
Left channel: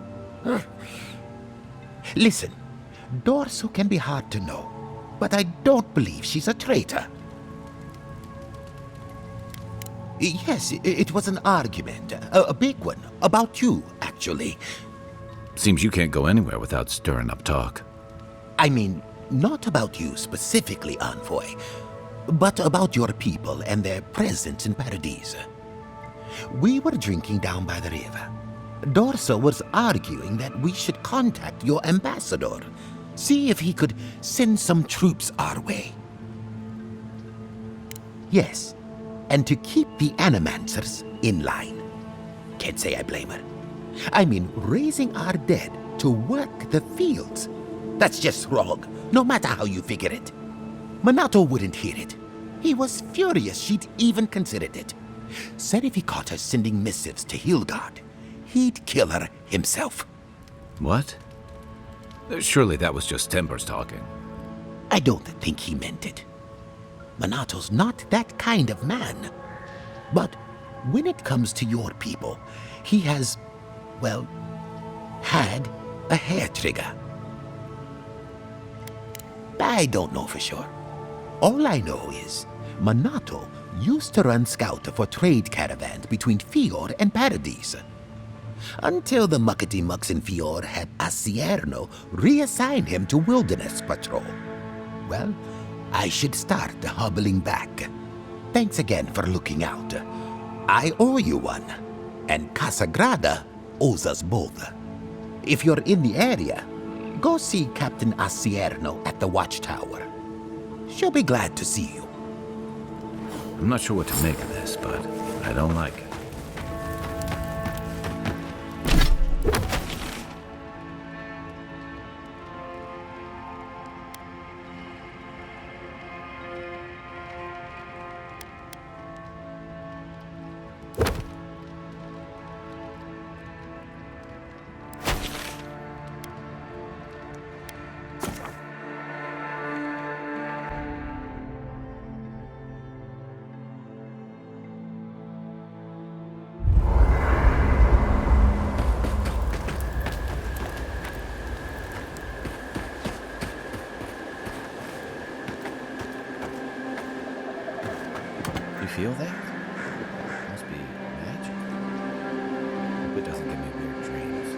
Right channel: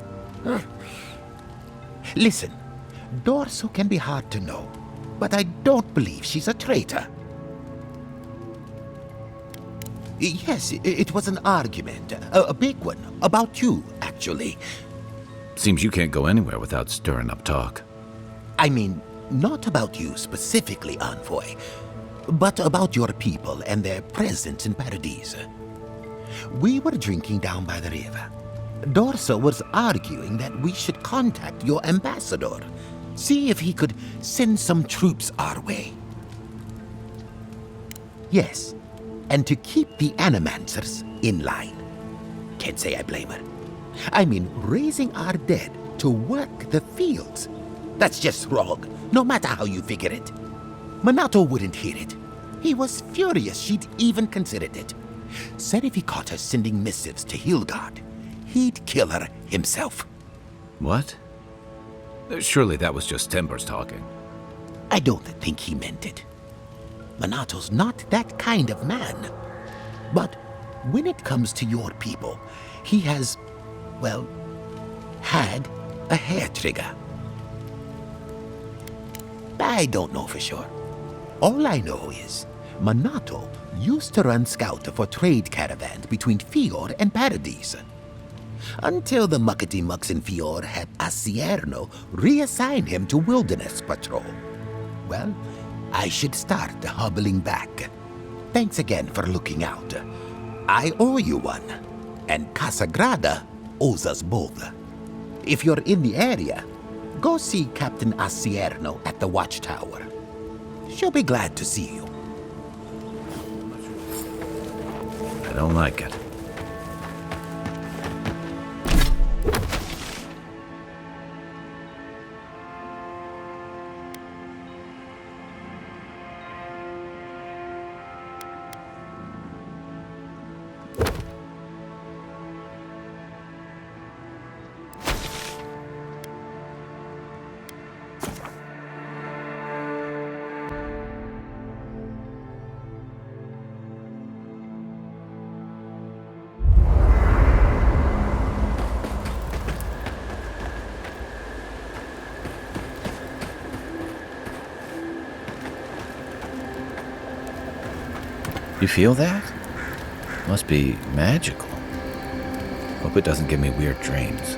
Listen, Dorso can be hard to know, but I don't believe she's a traitor. Yes, it was an argument, a big one, about you, actually. Seems you can't go anywhere without stirring up talk. I mean, not about you specifically, Envoy, but about your people and their presence in Paradise. We were drinking down by the river. Dorso was arguing that we should contact your ambassador, see if he could send some troops our way. Yes, and to keep the Animancers in line. Can't say I blame her. I mean, raising our dead to work the fields. That's just wrong, no matter how you figure it. Manato wouldn't hear it. He was furious she'd even considered it. Said if he caught her sending missives to Hildgard, he'd kill her himself. What? Surely that was just Timbers talking. I don't think he meant it. Manato's not that kind of man. But when it comes to your people, he has, well, had a hair trigger. I don't know for sure. All I know is Manato used to run scout for trade caravans between Fior and Paradise. Until the muckety-mucks in Fior had Acierno reassign him to Wilderness Patrol. Well, I should start hobbling back. Thanks again for looking out. I owe you one, and Casagrada owes us both. If you're in the area, go see Captain Acierno at the Watchtower. She'll be glad to see you. I'm not sure what to make of this, but I don't like it. You feel that? Must be magical. Hope it doesn't give me weird dreams.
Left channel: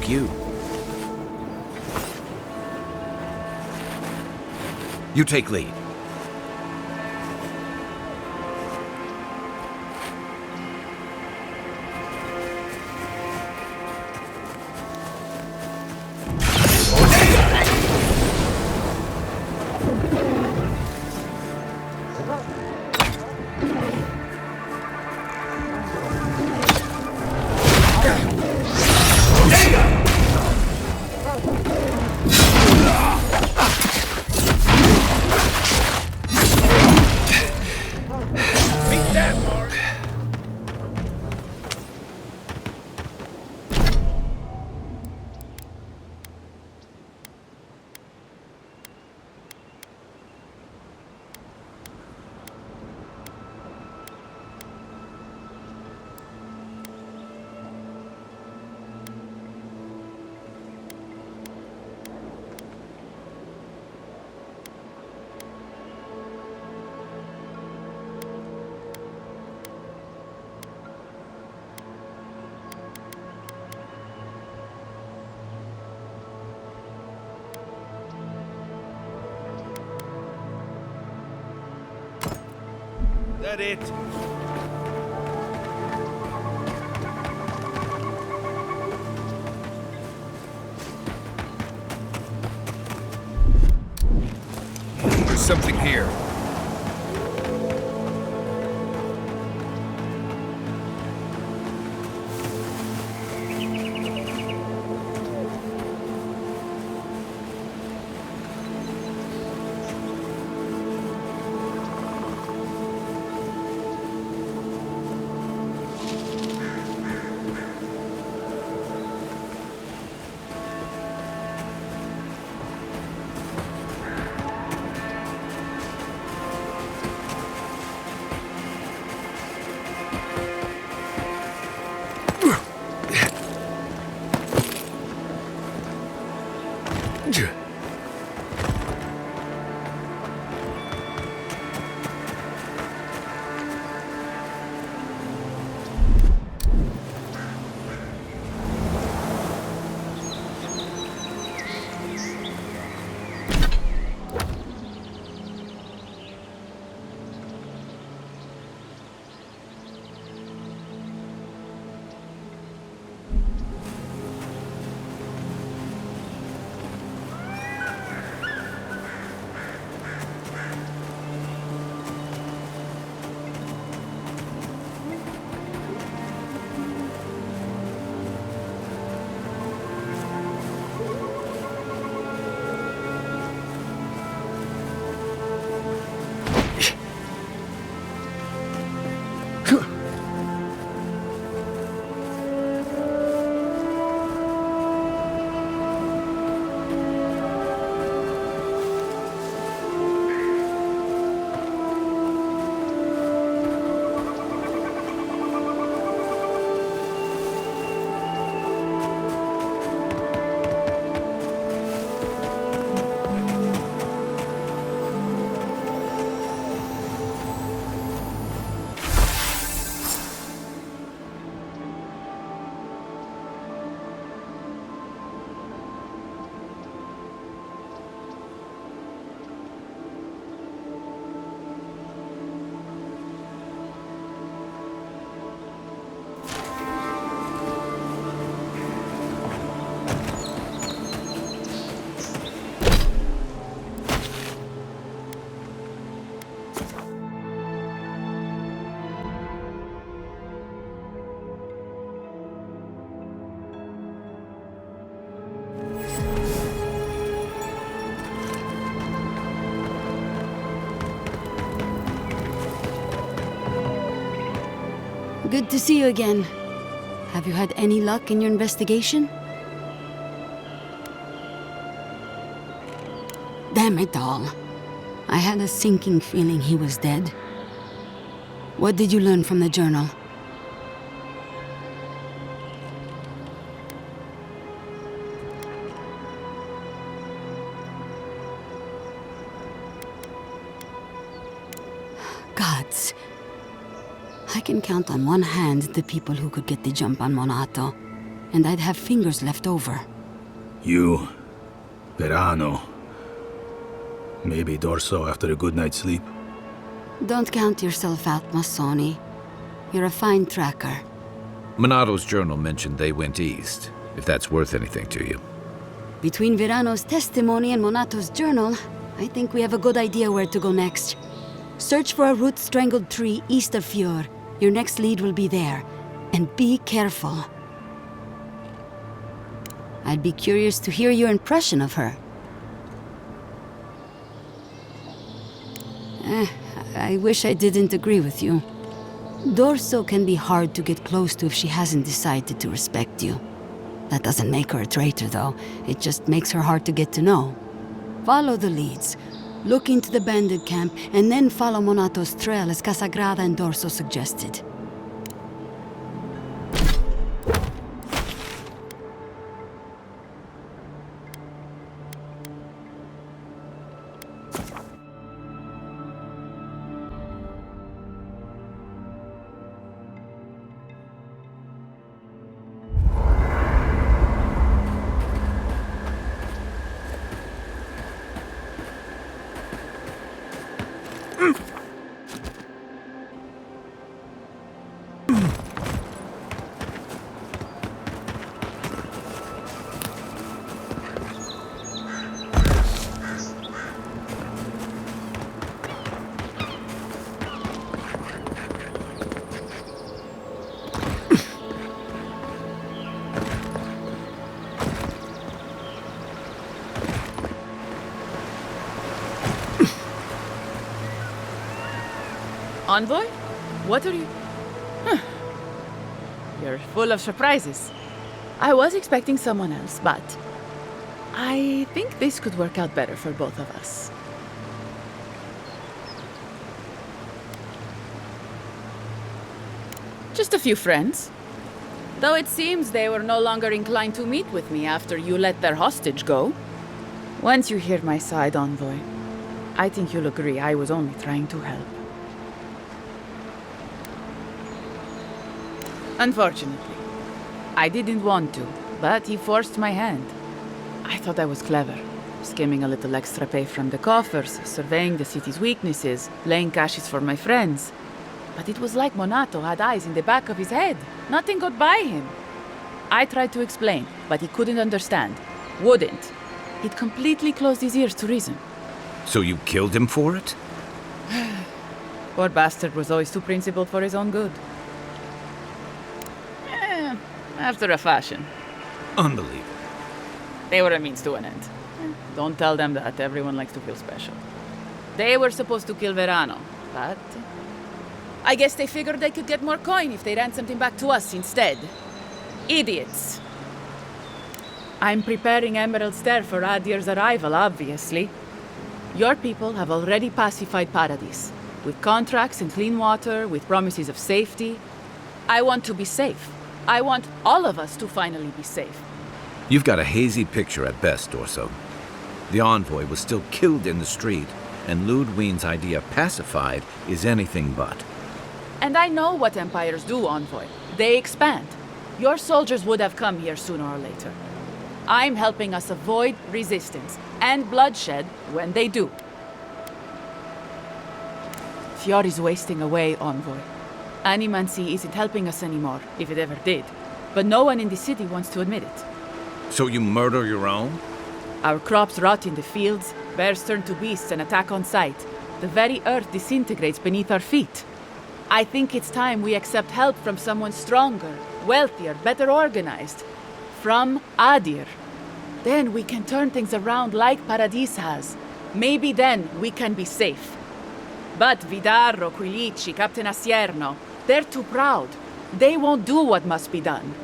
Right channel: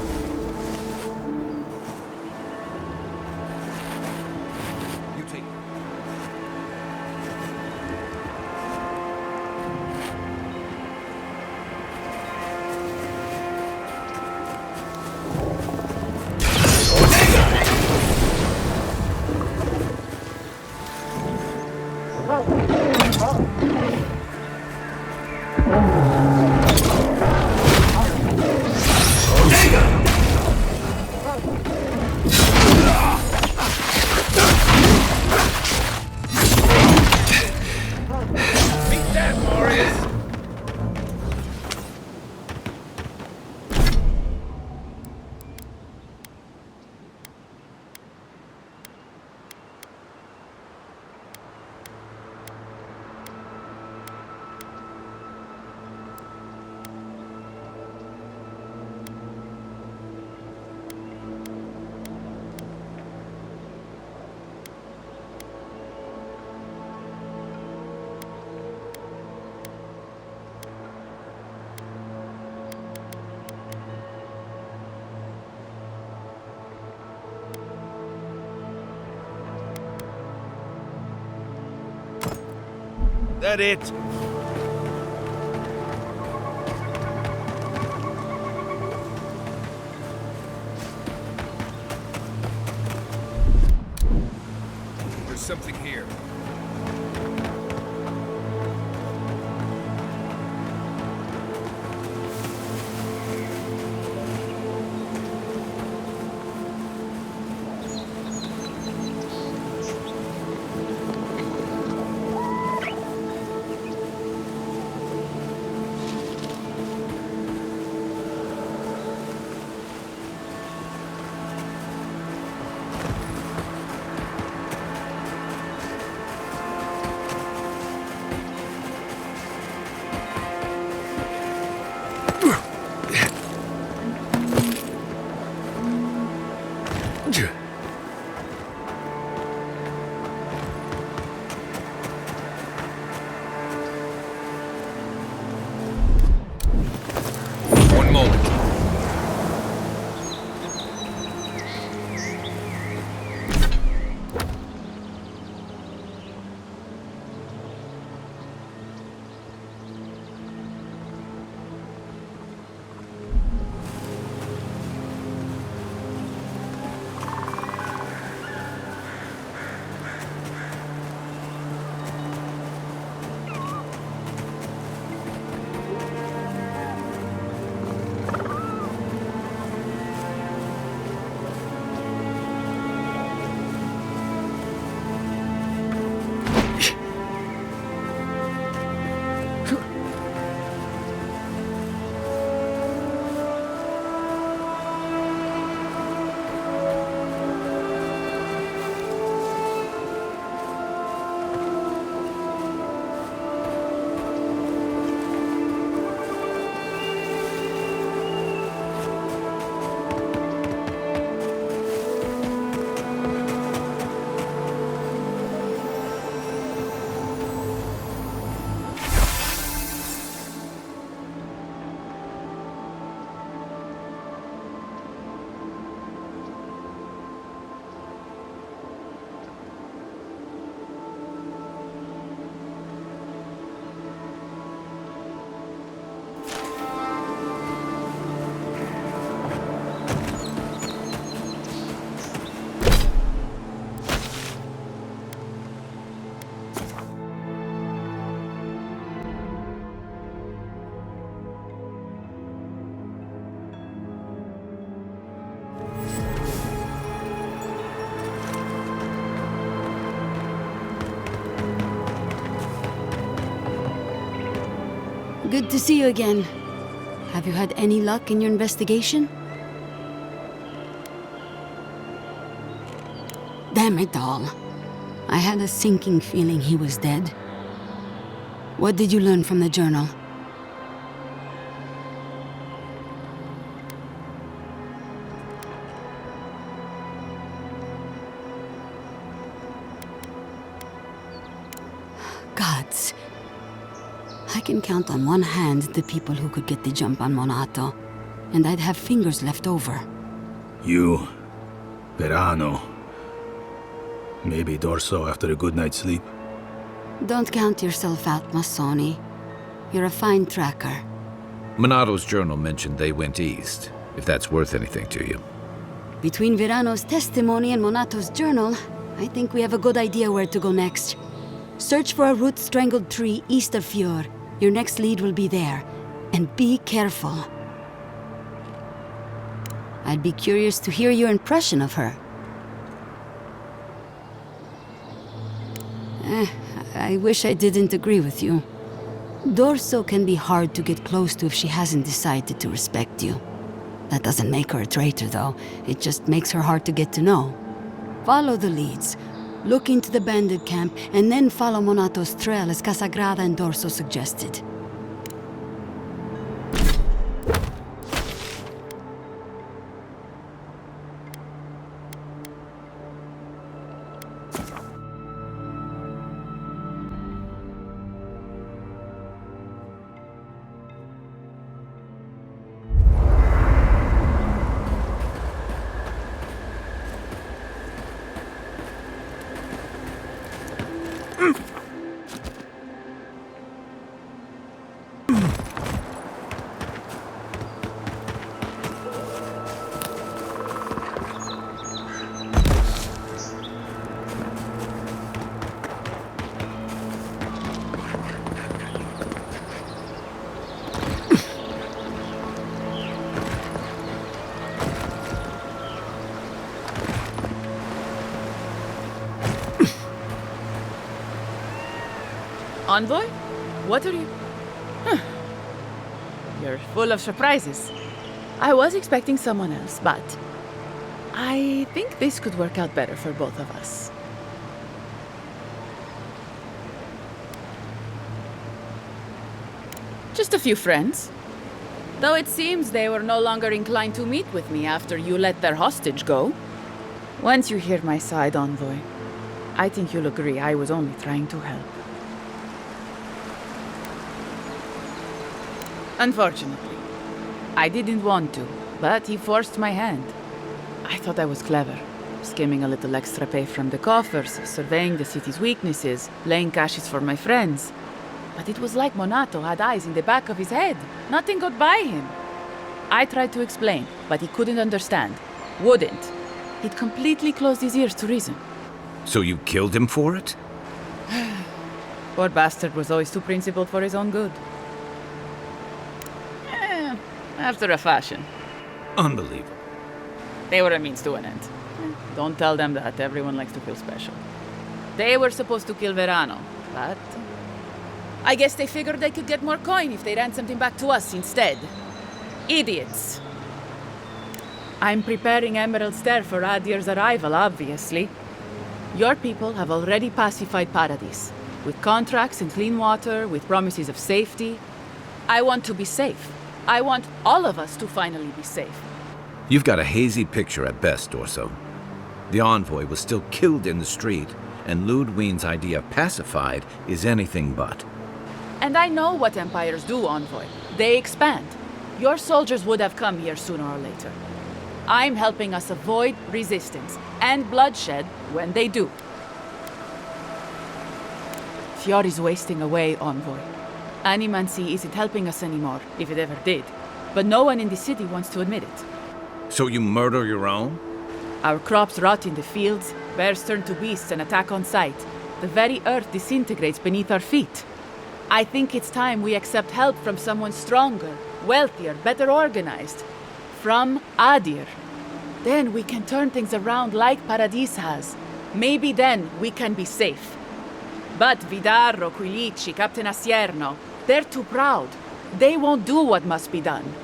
took you? You take lead. That it? There's something here. One moment. Good to see you again. Have you had any luck in your investigation? Damn it all. I had a sinking feeling he was dead. What did you learn from the journal? Gods. I can count on one hand the people who could get the jump on Monato. and I'd have fingers left over. You, Verano, maybe Dorso after a good night's sleep. Don't count yourself out, Masoni. You're a fine tracker. Monato's journal mentioned they went east, if that's worth anything to you. Between Verano's testimony and Monato's journal, I think we have a good idea where to go next. Search for a root-strangled tree east of Fjord. Your next lead will be there. And be careful. I'd be curious to hear your impression of her. I wish I didn't agree with you. Dorso can be hard to get close to if she hasn't decided to respect you. That doesn't make her a traitor, though. It just makes her hard to get to know. Follow the leads. Look into the bandit camp, and then follow Monato's trail as Casagrada and Dorso suggested. Envoy? What are you... You're full of surprises. I was expecting someone else, but... I think this could work out better for both of us. Just a few friends. Though it seems they were no longer inclined to meet with me after you let their hostage go. Once you hear my side, Envoy, I think you'll agree I was only trying to help. Unfortunately, I didn't want to, but he forced my hand. I thought I was clever, skimming a little extra pay from the coffers, surveying the city's weaknesses, playing caches for my friends. But it was like Monato had eyes in the back of his head. Nothing got by him. I tried to explain, but he couldn't understand. Wouldn't. He'd completely closed his ears to reason. So you killed him for it? Poor bastard was always too principled for his own good. After a fashion. Unbelievable. They were a means to an end. Don't tell them that. Everyone likes to feel special. They were supposed to kill Verano, but... I guess they figured they could get more coin if they ransomed him back to us instead. Idiots. I'm preparing Emerald Stair for Adir's arrival, obviously. Your people have already pacified Paradis, with contracts and clean water, with promises of safety. I want to be safe. I want all of us to finally be safe. You've got a hazy picture at best, Dorso. The envoy was still killed in the street, and Ludwine's idea pacified is anything but. And I know what empires do, Envoy. They expand. Your soldiers would have come here sooner or later. I'm helping us avoid resistance and bloodshed when they do. Fjord is wasting away, Envoy. Animancy isn't helping us anymore, if it ever did. But no one in the city wants to admit it. So you murder your own? Our crops rot in the fields, bears turn to beasts and attack on sight. The very earth disintegrates beneath our feet. I think it's time we accept help from someone stronger, wealthier, better organized. From Adir. Then we can turn things around like Paradis has. Maybe then we can be safe. But Vidarro, Quilici, Captain Asierno, they're too proud. They won't do what must be done.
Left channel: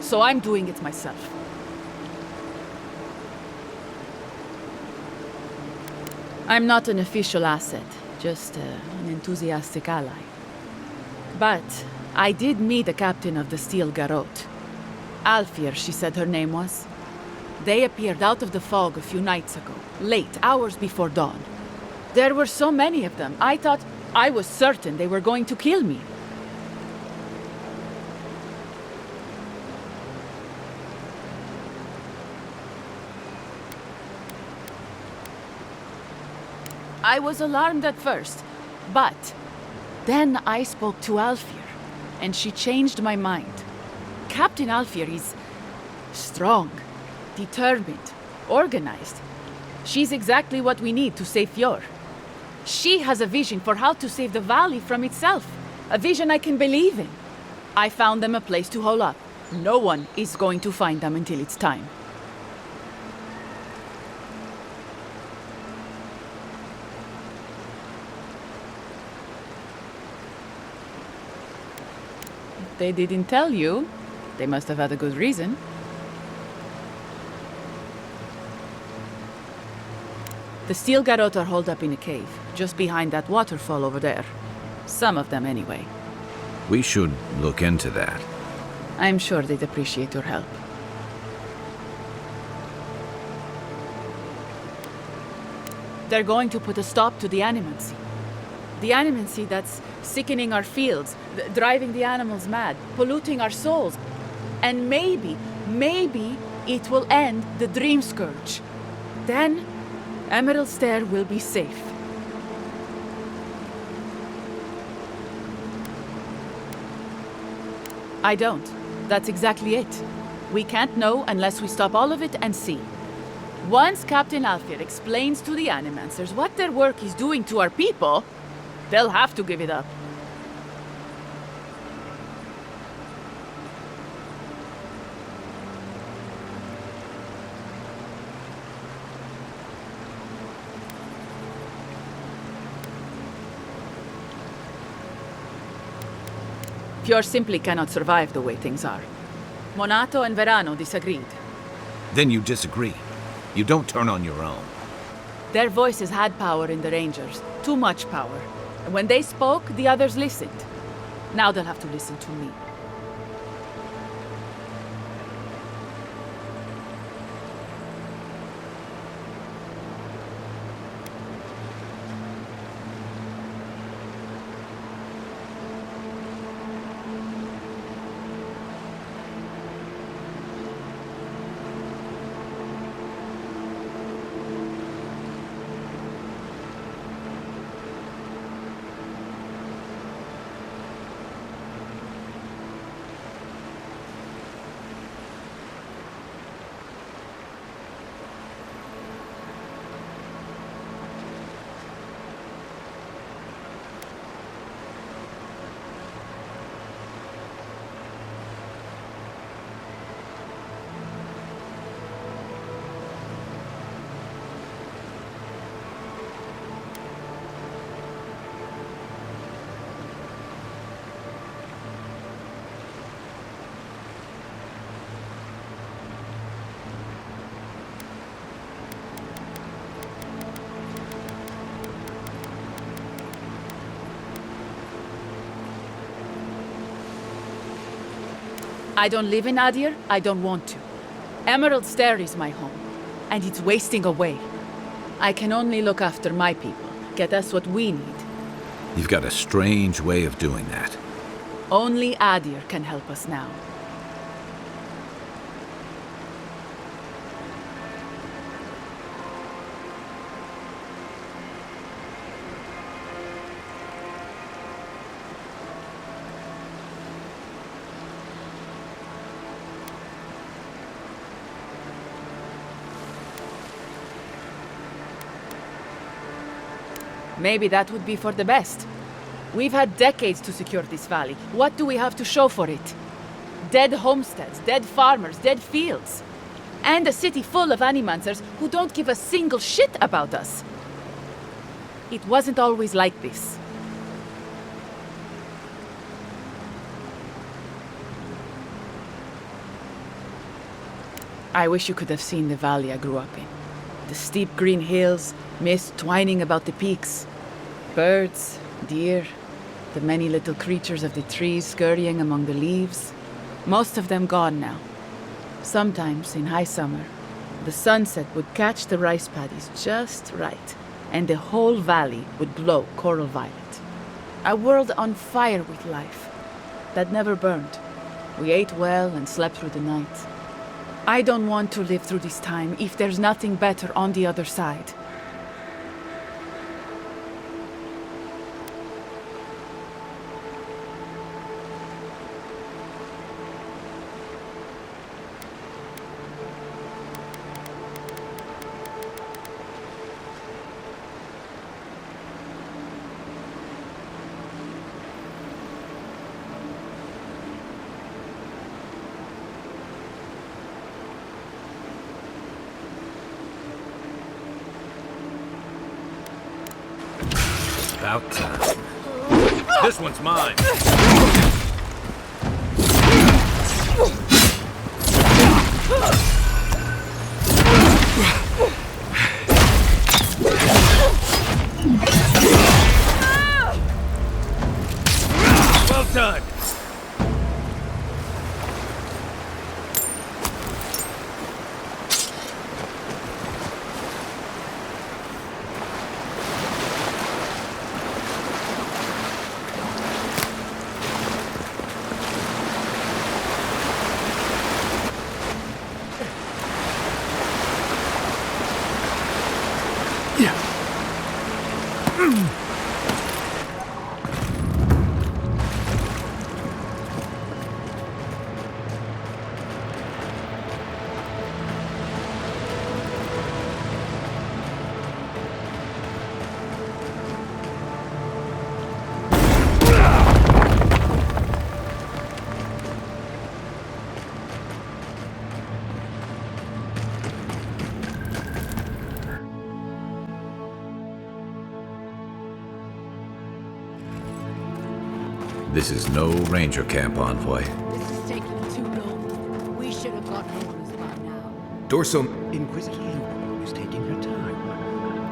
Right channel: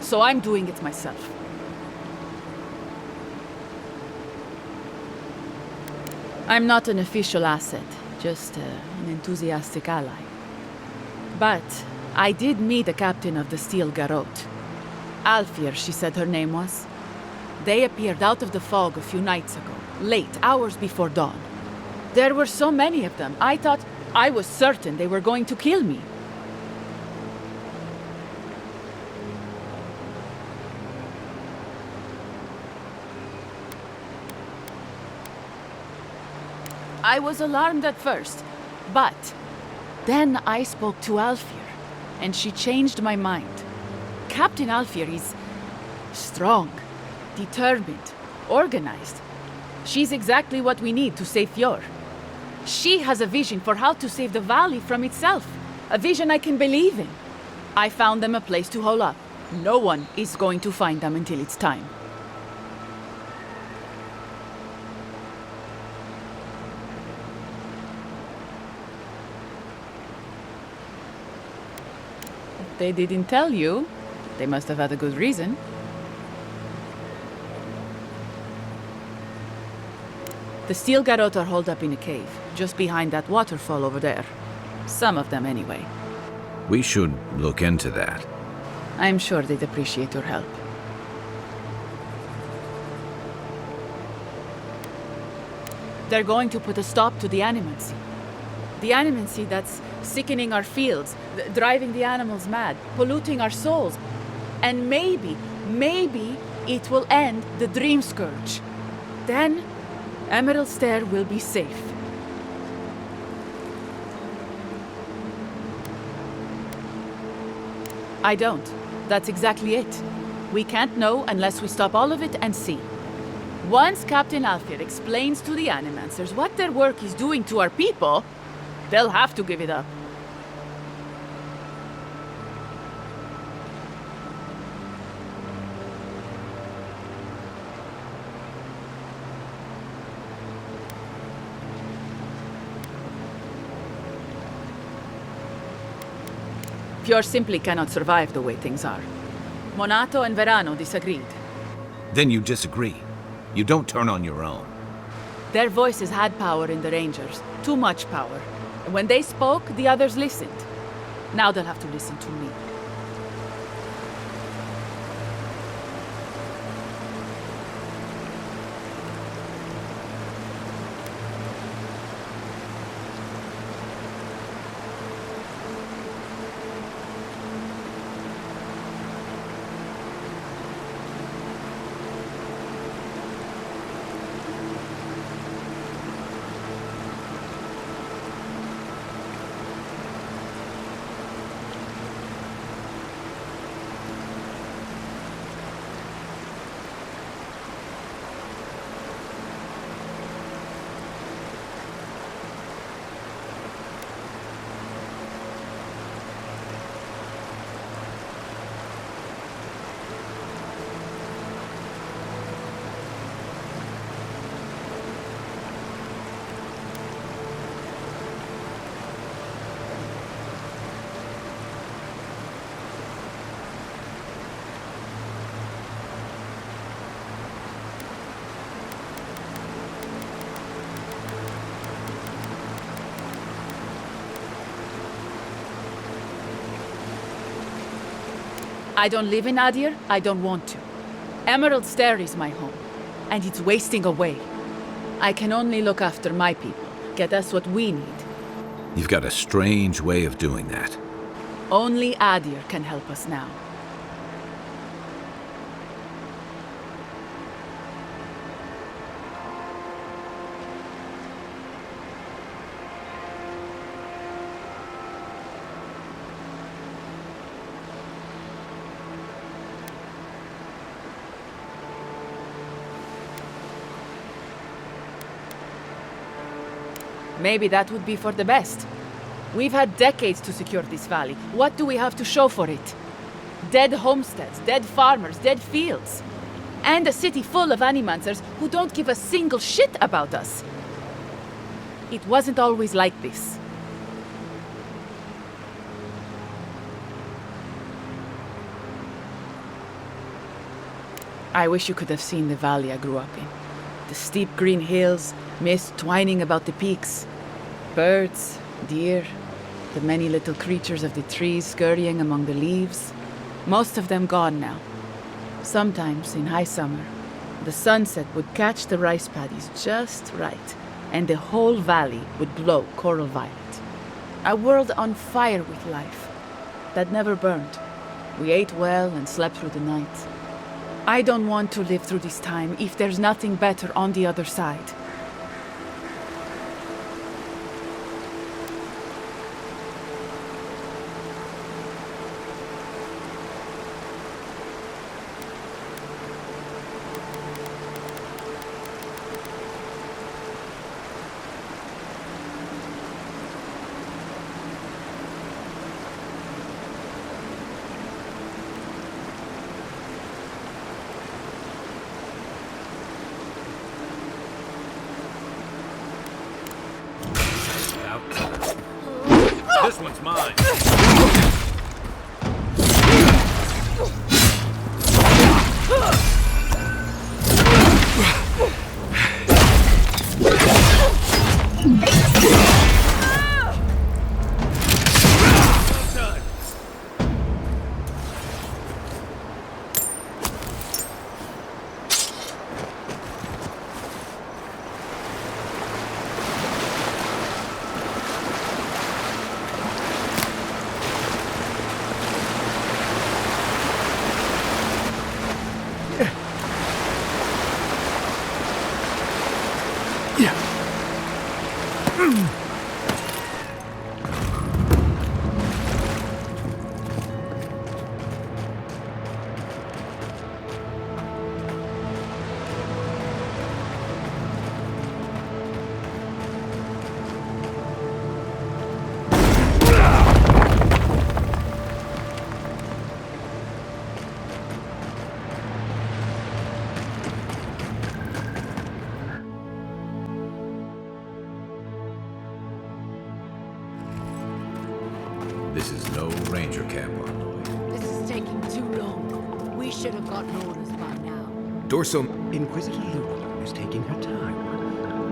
So I'm doing it myself. I'm not an official asset, just an enthusiastic ally. But I did meet the captain of the Steel Garrote. Alfir, she said her name was. They appeared out of the fog a few nights ago, late, hours before dawn. There were so many of them, I was certain they were going to kill me. I was alarmed at first, but then I spoke to Alfir, and she changed my mind. Captain Alfir is strong, determined, organized. She's exactly what we need to save Fjord. She has a vision for how to save the valley from itself, a vision I can believe in. I found them a place to hole up. No one is going to find them until it's time. If they didn't tell you, they must have had a good reason. The steel garrote are holed up in a cave, just behind that waterfall over there. Some of them, anyway. We should look into that. I'm sure they'd appreciate your help. They're going to put a stop to the animancy. The animancy that's sickening our fields, driving the animals mad, polluting our souls. And maybe it will end the Dream Scourge. Then, Emerald Stair will be safe. I don't. That's exactly it. We can't know unless we stop all of it and see. Once Captain Alfir explains to the Animancers what their work is doing to our people, they'll have to give it up. Fjord simply cannot survive the way things are. Monato and Verano disagreed. Then you disagree. You don't turn on your own. Their voices had power in the Rangers. Too much power. And when they spoke, the others listened. Now they'll have to listen to me. I don't live in Adir, I don't want to. Emerald Stair is my home, and it's wasting away. I can only look after my people, get us what we need. You've got a strange way of doing that. Only Adir can help us now. Maybe that would be for the best. We've had decades to secure this valley. What do we have to show for it? Dead homesteads, dead farmers, dead fields. And a city full of animancers who don't give a single shit about us. It wasn't always like this. I wish you could have seen the valley I grew up in. The steep green hills, mist twining about the peaks. Birds, deer, the many little creatures of the trees scurrying among the leaves. Most of them gone now. Sometimes, in high summer, the sunset would catch the rice paddies just right, and the whole valley would glow coral violet. A world on fire with life, that never burned. We ate well and slept through the night. I don't want to live through this time if there's nothing better on the other side. About time. This one's mine. Well done. This is no ranger camp, Envoy. This is taking too long. We should have gotten orders by now. Dorso... Inquisitor Luke is taking her time.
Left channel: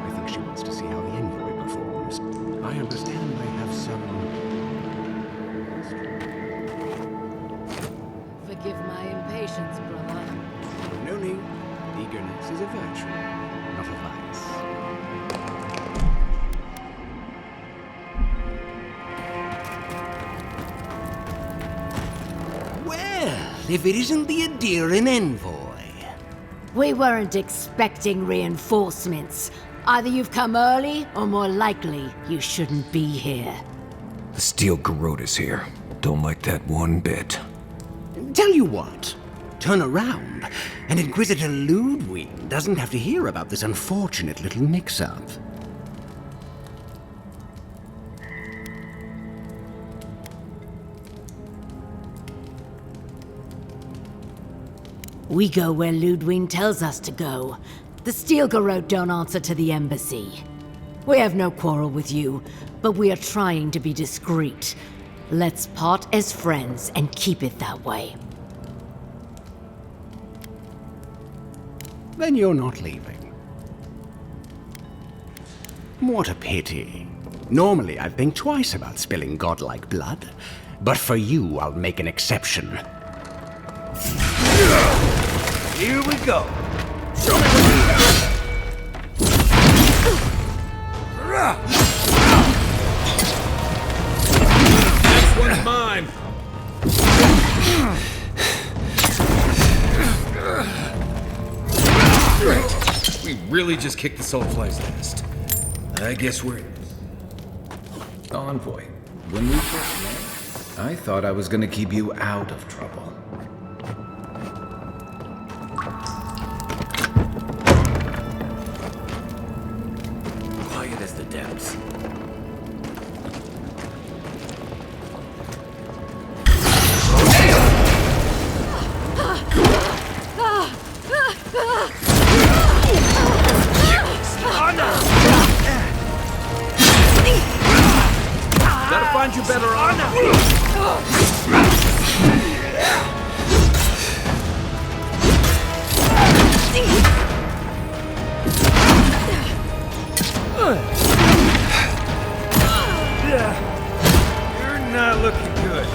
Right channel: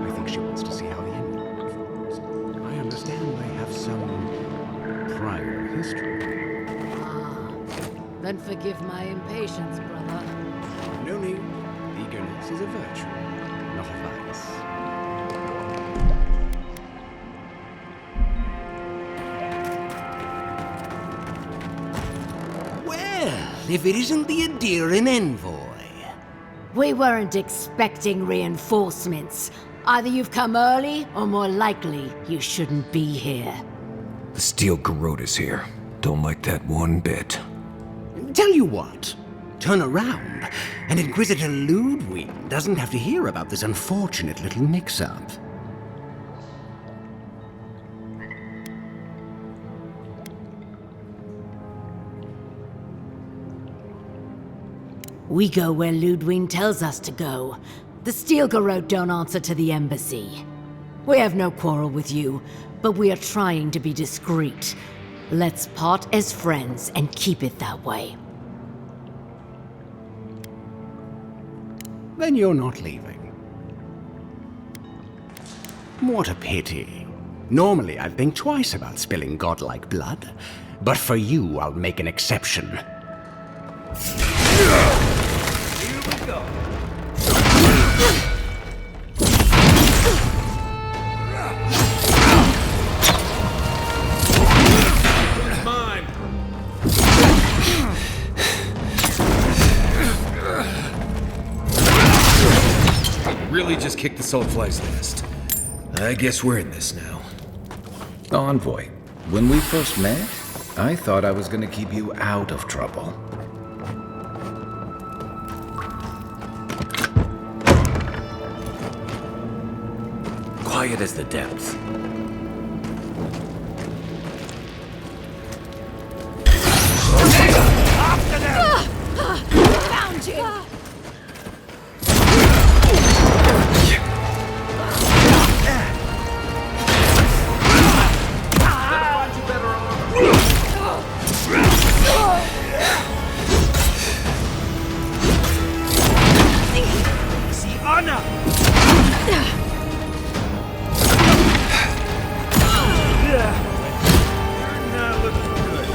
I think she wants to see how the Envoy performs. I understand they have some prior history. Then forgive my impatience, brother. No need. Eagerness is a virtue, not a vice. Well, if it isn't the Adirian Envoy. We weren't expecting reinforcements. Either you've come early, or more likely, you shouldn't be here. The Steel Garrote is here. Don't like that one bit. Tell you what, turn around, and Inquisitor Ludwig doesn't have to hear about this unfortunate little mix-up. We go where Ludwig tells us to go. The Steel Garrote don't answer to the embassy. We have no quarrel with you, but we are trying to be discreet. Let's part as friends and keep it that way. Then you're not leaving. What a pity. Normally I'd think twice about spilling godlike blood, but for you I'll make an exception. Here we go. This one's mine. Really just kicked the Soulfly's nest. I guess we're in this now. Envoy, when we first met, I thought I was gonna keep you out of trouble. Quiet as the depths. Gotta find you better on. You're not looking good.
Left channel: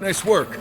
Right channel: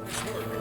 Nice work.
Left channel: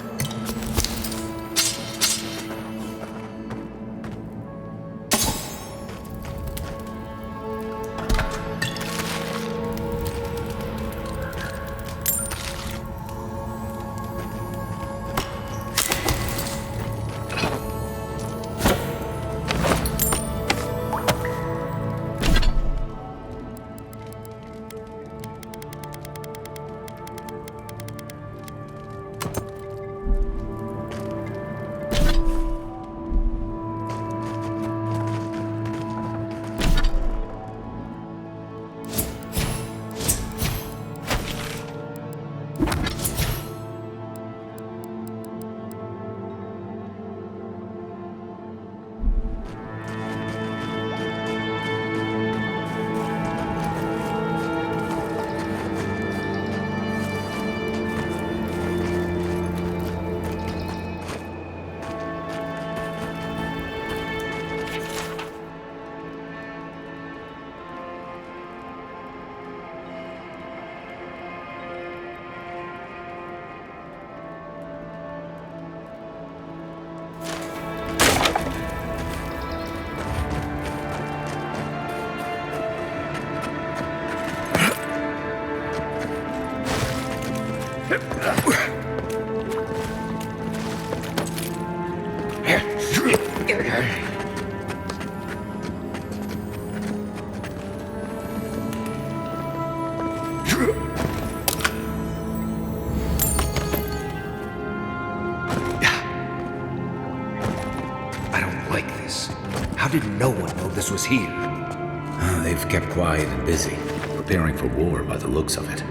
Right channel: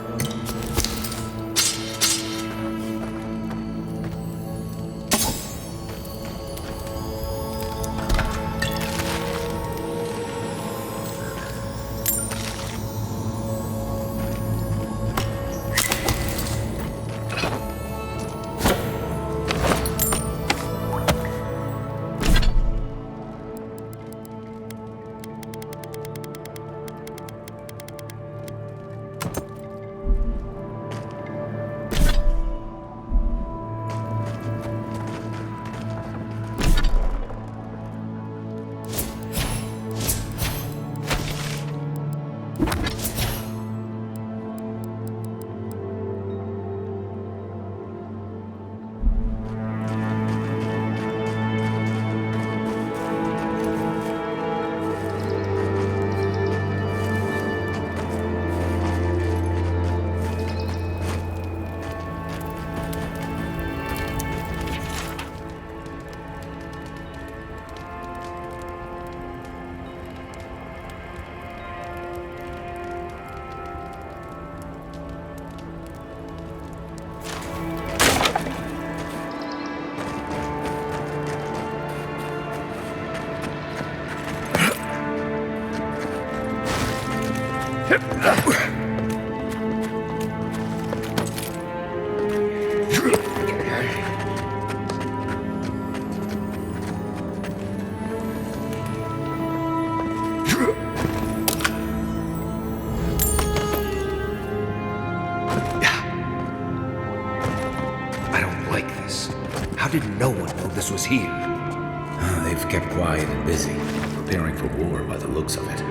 I don't like this. How did no one know this was here? They've kept quiet and busy, preparing for war by the looks of it.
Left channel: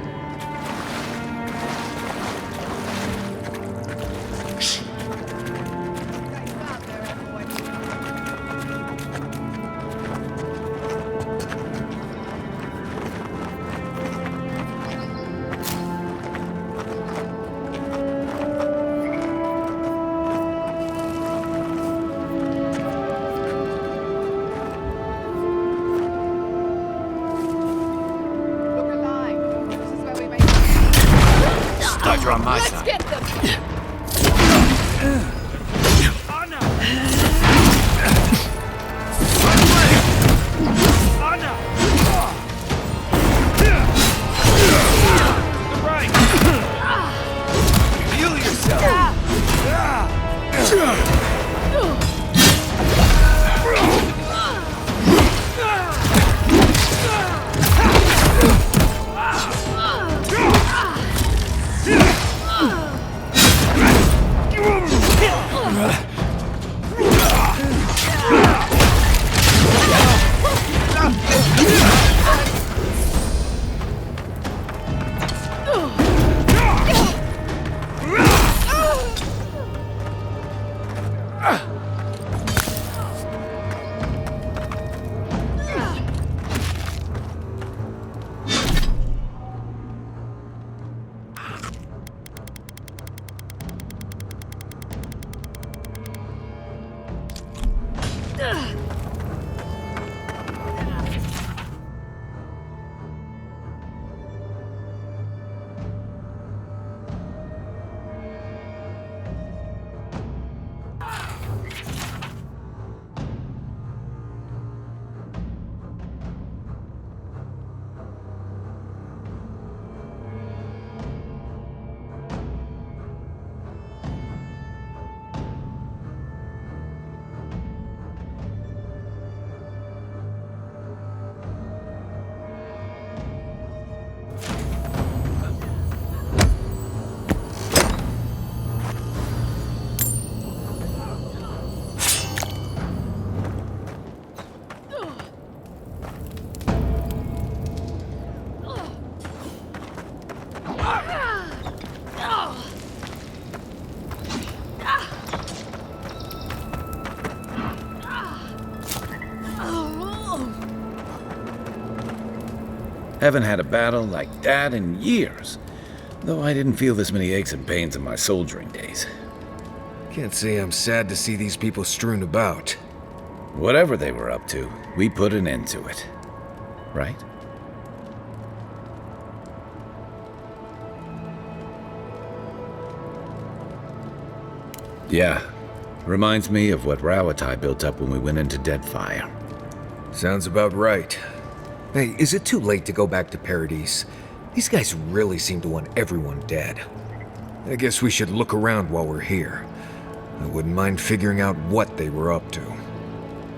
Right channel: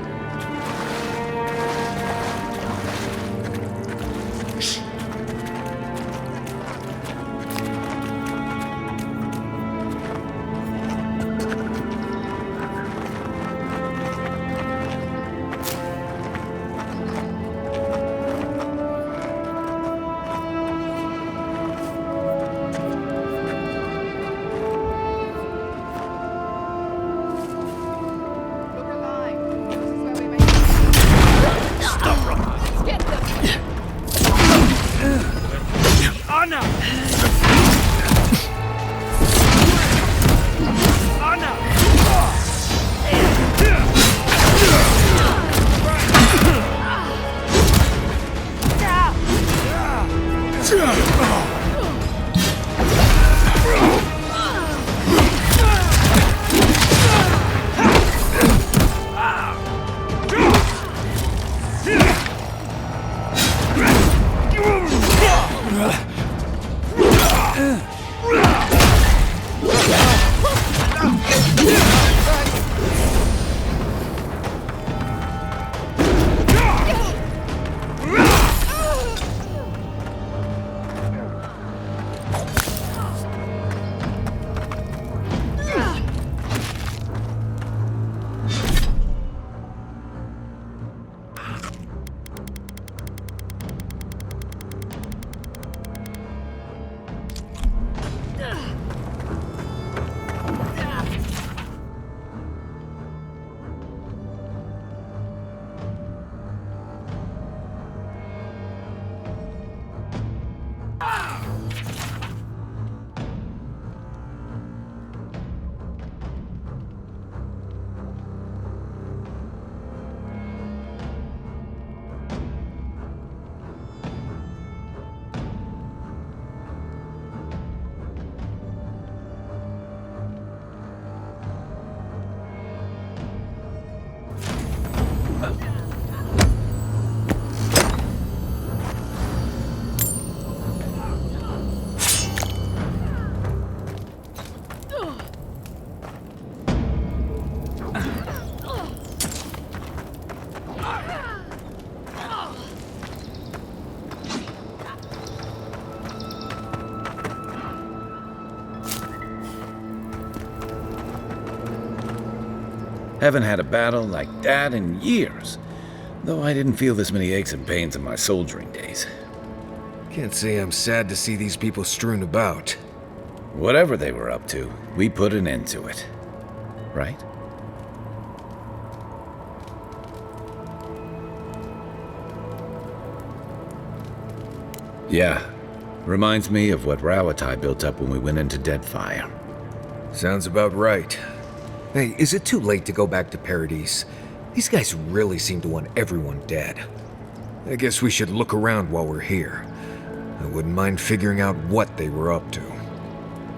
Let's get them! Anna! Anna! Right! Heal yourself! Haven't had a battle like that in years, though I didn't feel this many aches and pains in my soldiering days. Can't say I'm sad to see these people strewn about. Whatever they were up to, we put an end to it. Right? Yeah. Reminds me of what Rawatai built up when we went into Deadfire. Sounds about right. Hey, is it too late to go back to Paradise? These guys really seem to want everyone dead. I guess we should look around while we're here. I wouldn't mind figuring out what they were up to.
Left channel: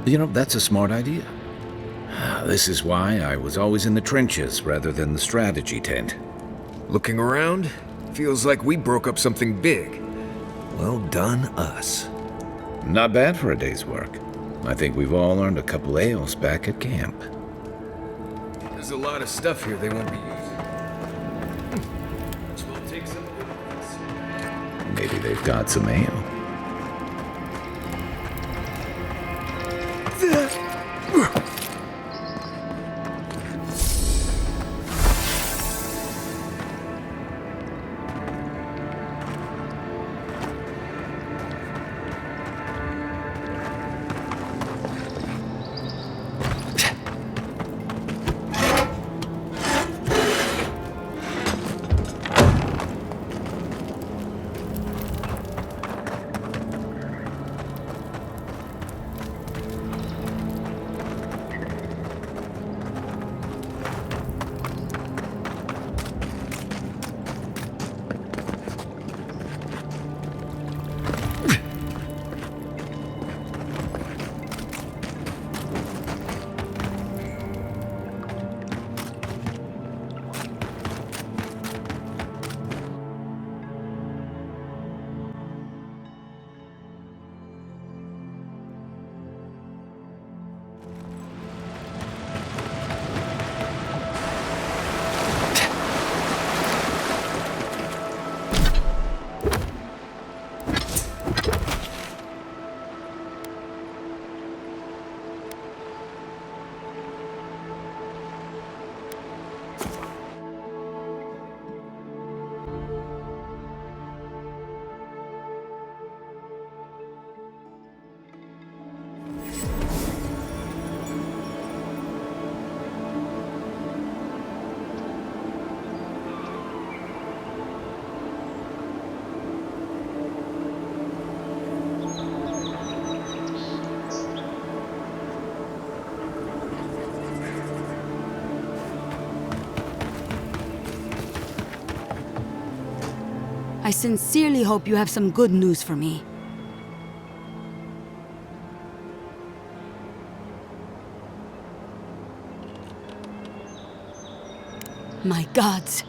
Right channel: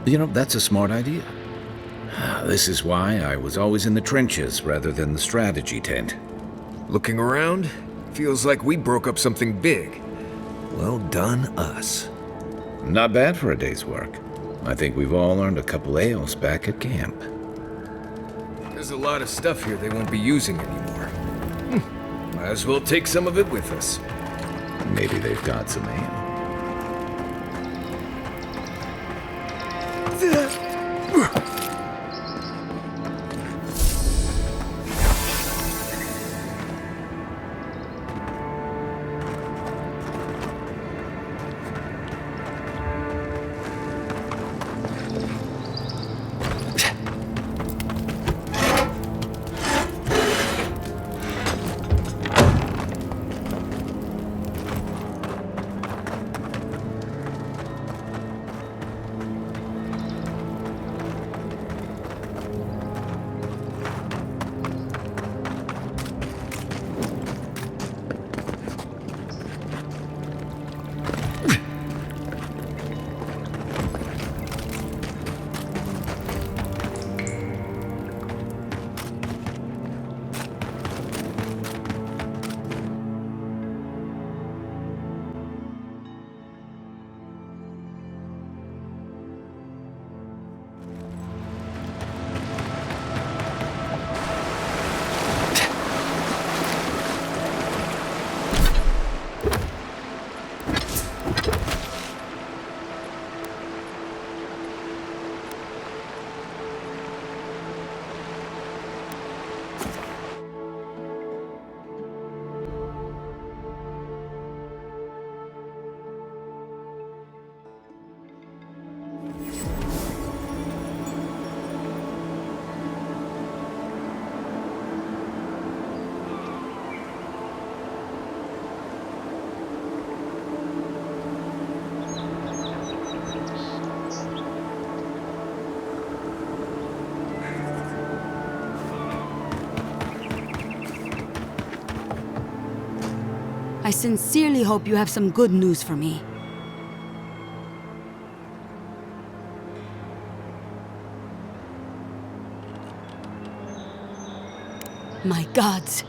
You know, that's a smart idea. This is why I was always in the trenches rather than the strategy tent. Looking around, feels like we broke up something big. Well done, us. Not bad for a day's work. I think we've all earned a couple ales back at camp. There's a lot of stuff here they won't be using anymore. Might as well take some of it with us. Maybe they've got some ale. I sincerely hope you have some good news for me. My gods,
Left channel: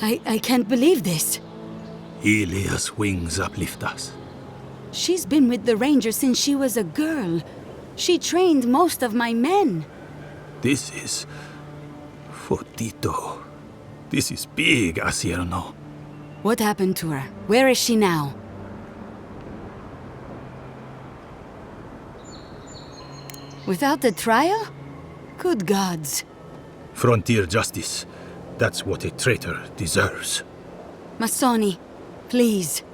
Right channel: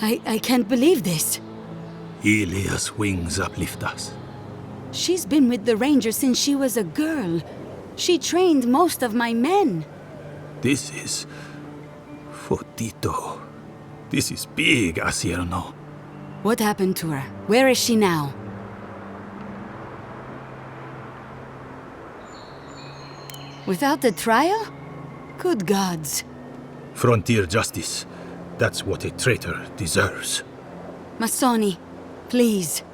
I can't believe this. Ilia's wings uplift us. She's been with the Ranger since she was a girl. She trained most of my men. This is... Fotito. This is big, Asierno. What happened to her? Where is she now? Without the trial? Good gods. Frontier justice. That's what a traitor deserves. Masoni, please.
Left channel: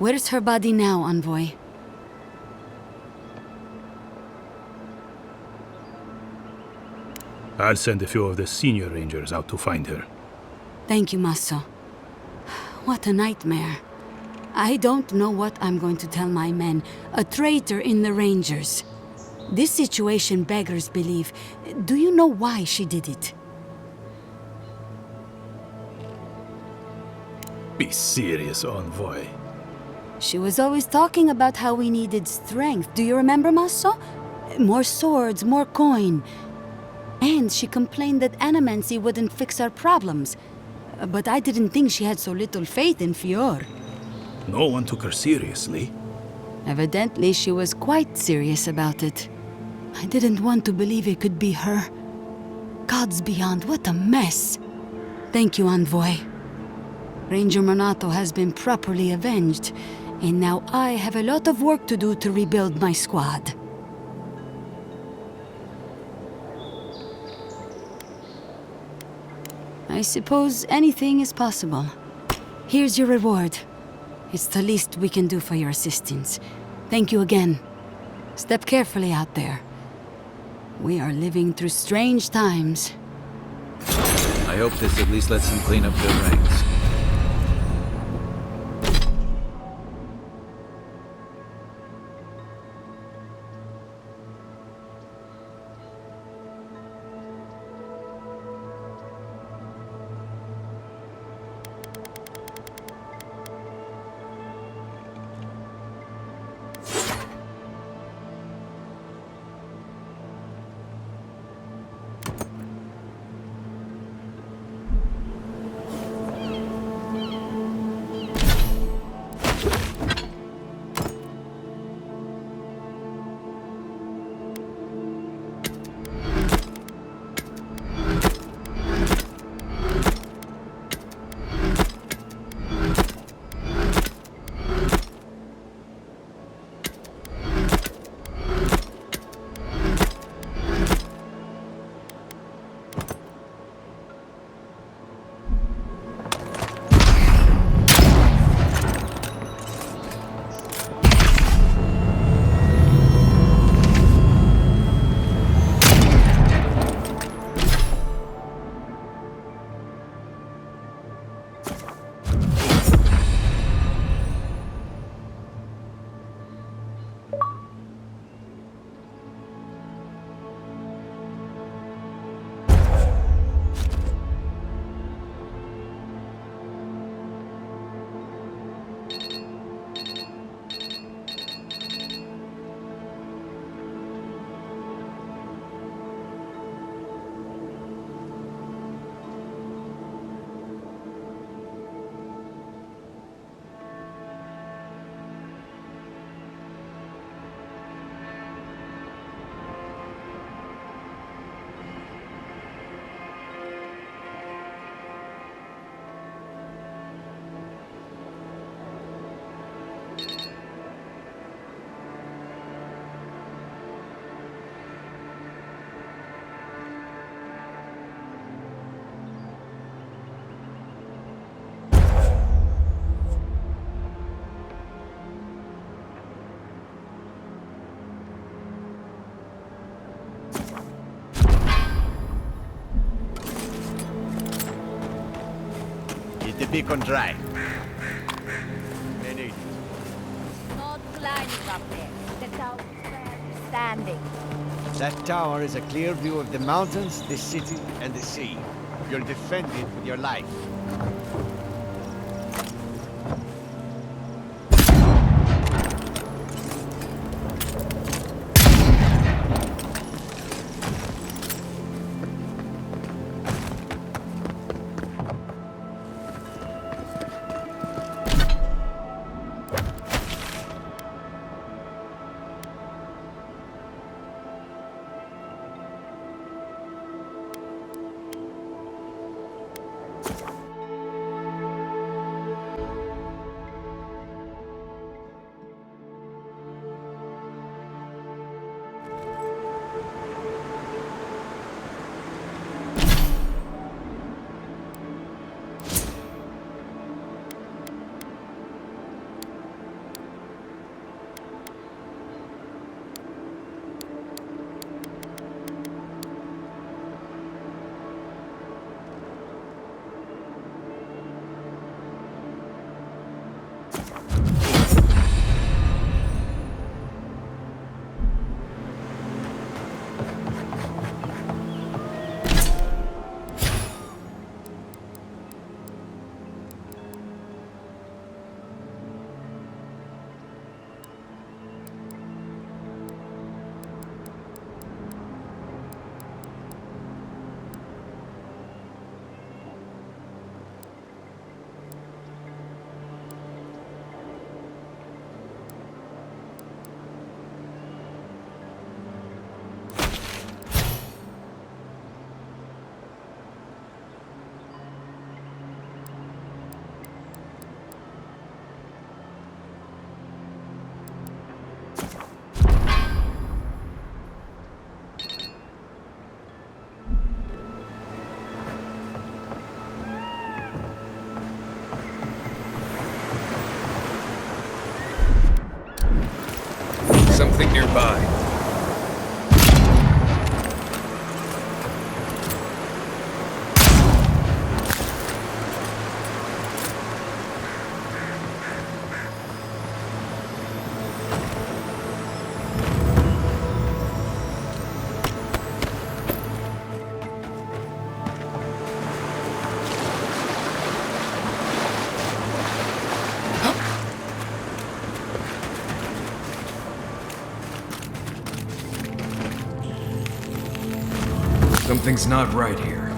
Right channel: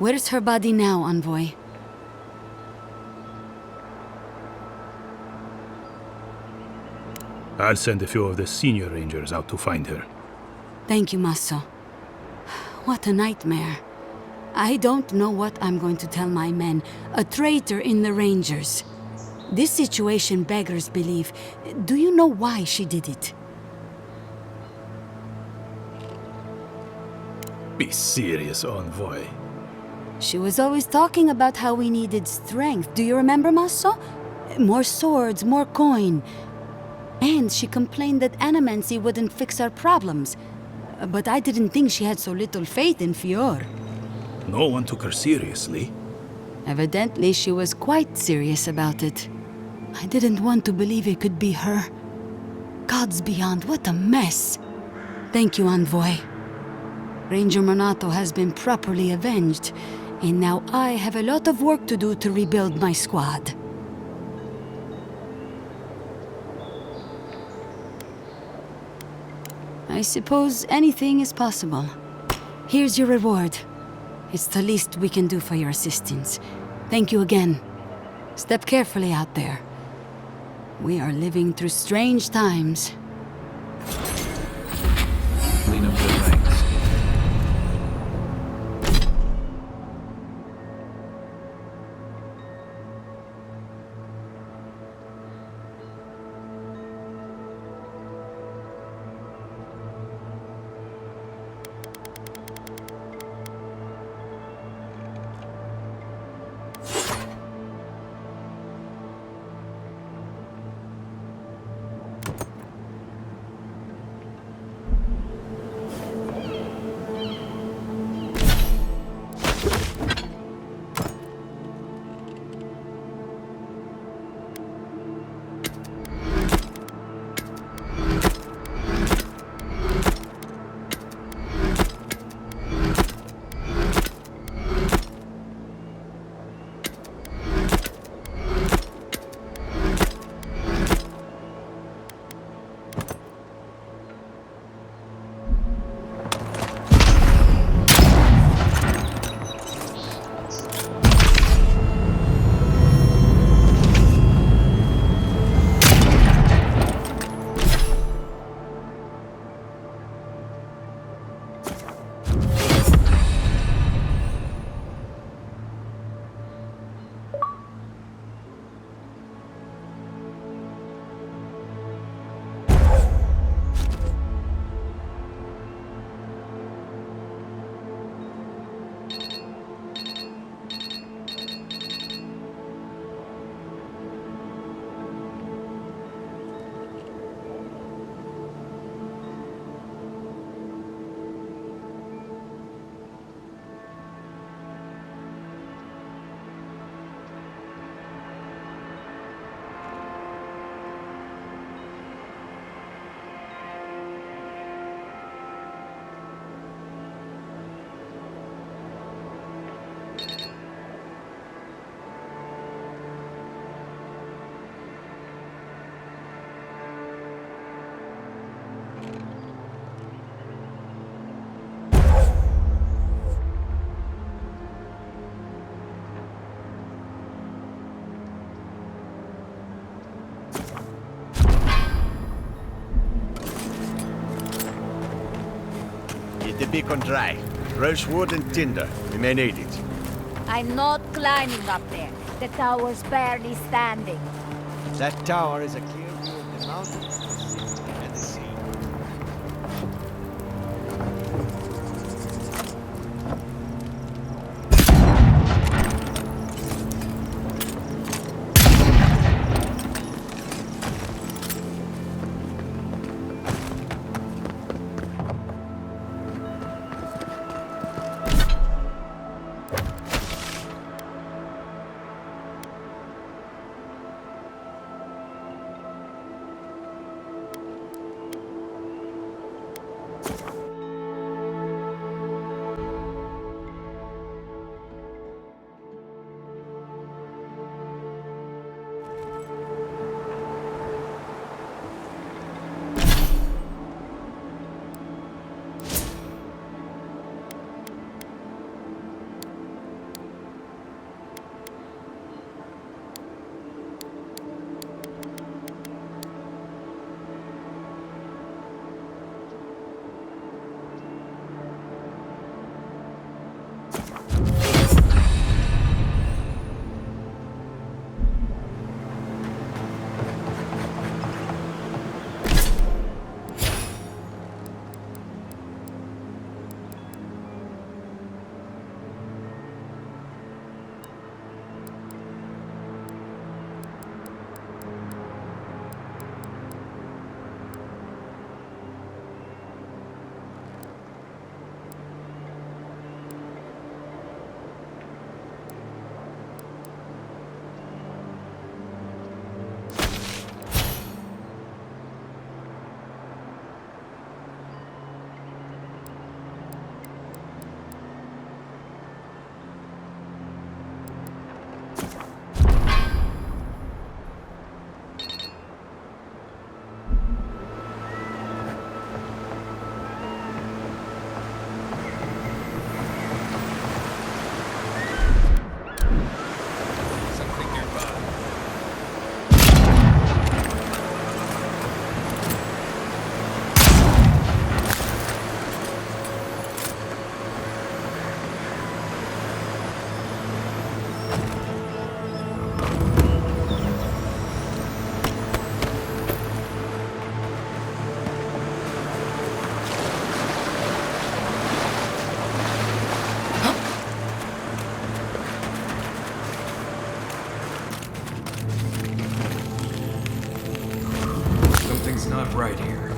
Where's her body now, Envoy? I'll send a few of the senior rangers out to find her. Thank you, Maso. What a nightmare. I don't know what I'm going to tell my men. A traitor in the Rangers. This situation beggars belief. Do you know why she did it? Be serious, Envoy. She was always talking about how we needed strength. Do you remember, Maso? More swords, more coin. And she complained that animancy wouldn't fix our problems. But I didn't think she had so little faith in Fior. No one took her seriously. Evidently, she was quite serious about it. I didn't want to believe it could be her. Gods beyond, what a mess. Thank you, Envoy. Ranger Monato has been properly avenged, and now I have a lot of work to do to rebuild my squad. I suppose anything is possible. Here's your reward. It's the least we can do for your assistance. Thank you again. Step carefully out there. We are living through strange times. I hope this at least lets them clean up their ranks. Keep the beacon dry. Fresh wood and tinder. We may need it. I'm not climbing up there. The tower's barely standing. That tower is a clear view of the mountains, the city, and the sea. You're defending your life. Something nearby. Something's not right here.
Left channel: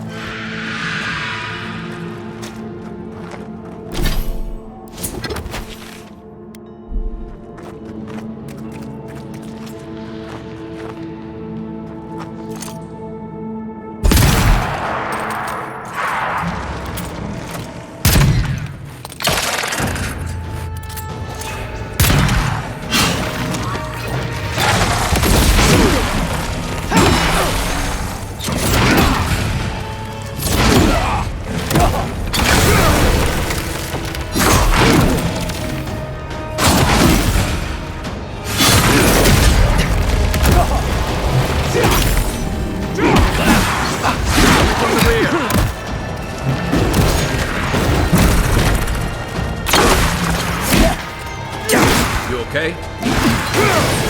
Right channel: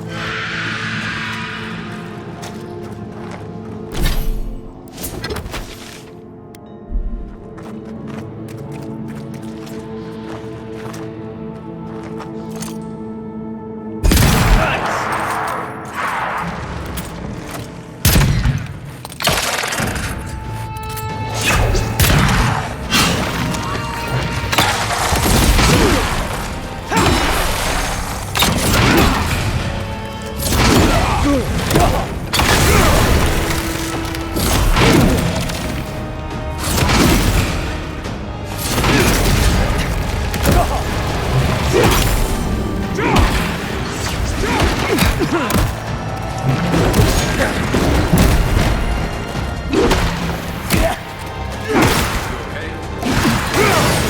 You okay?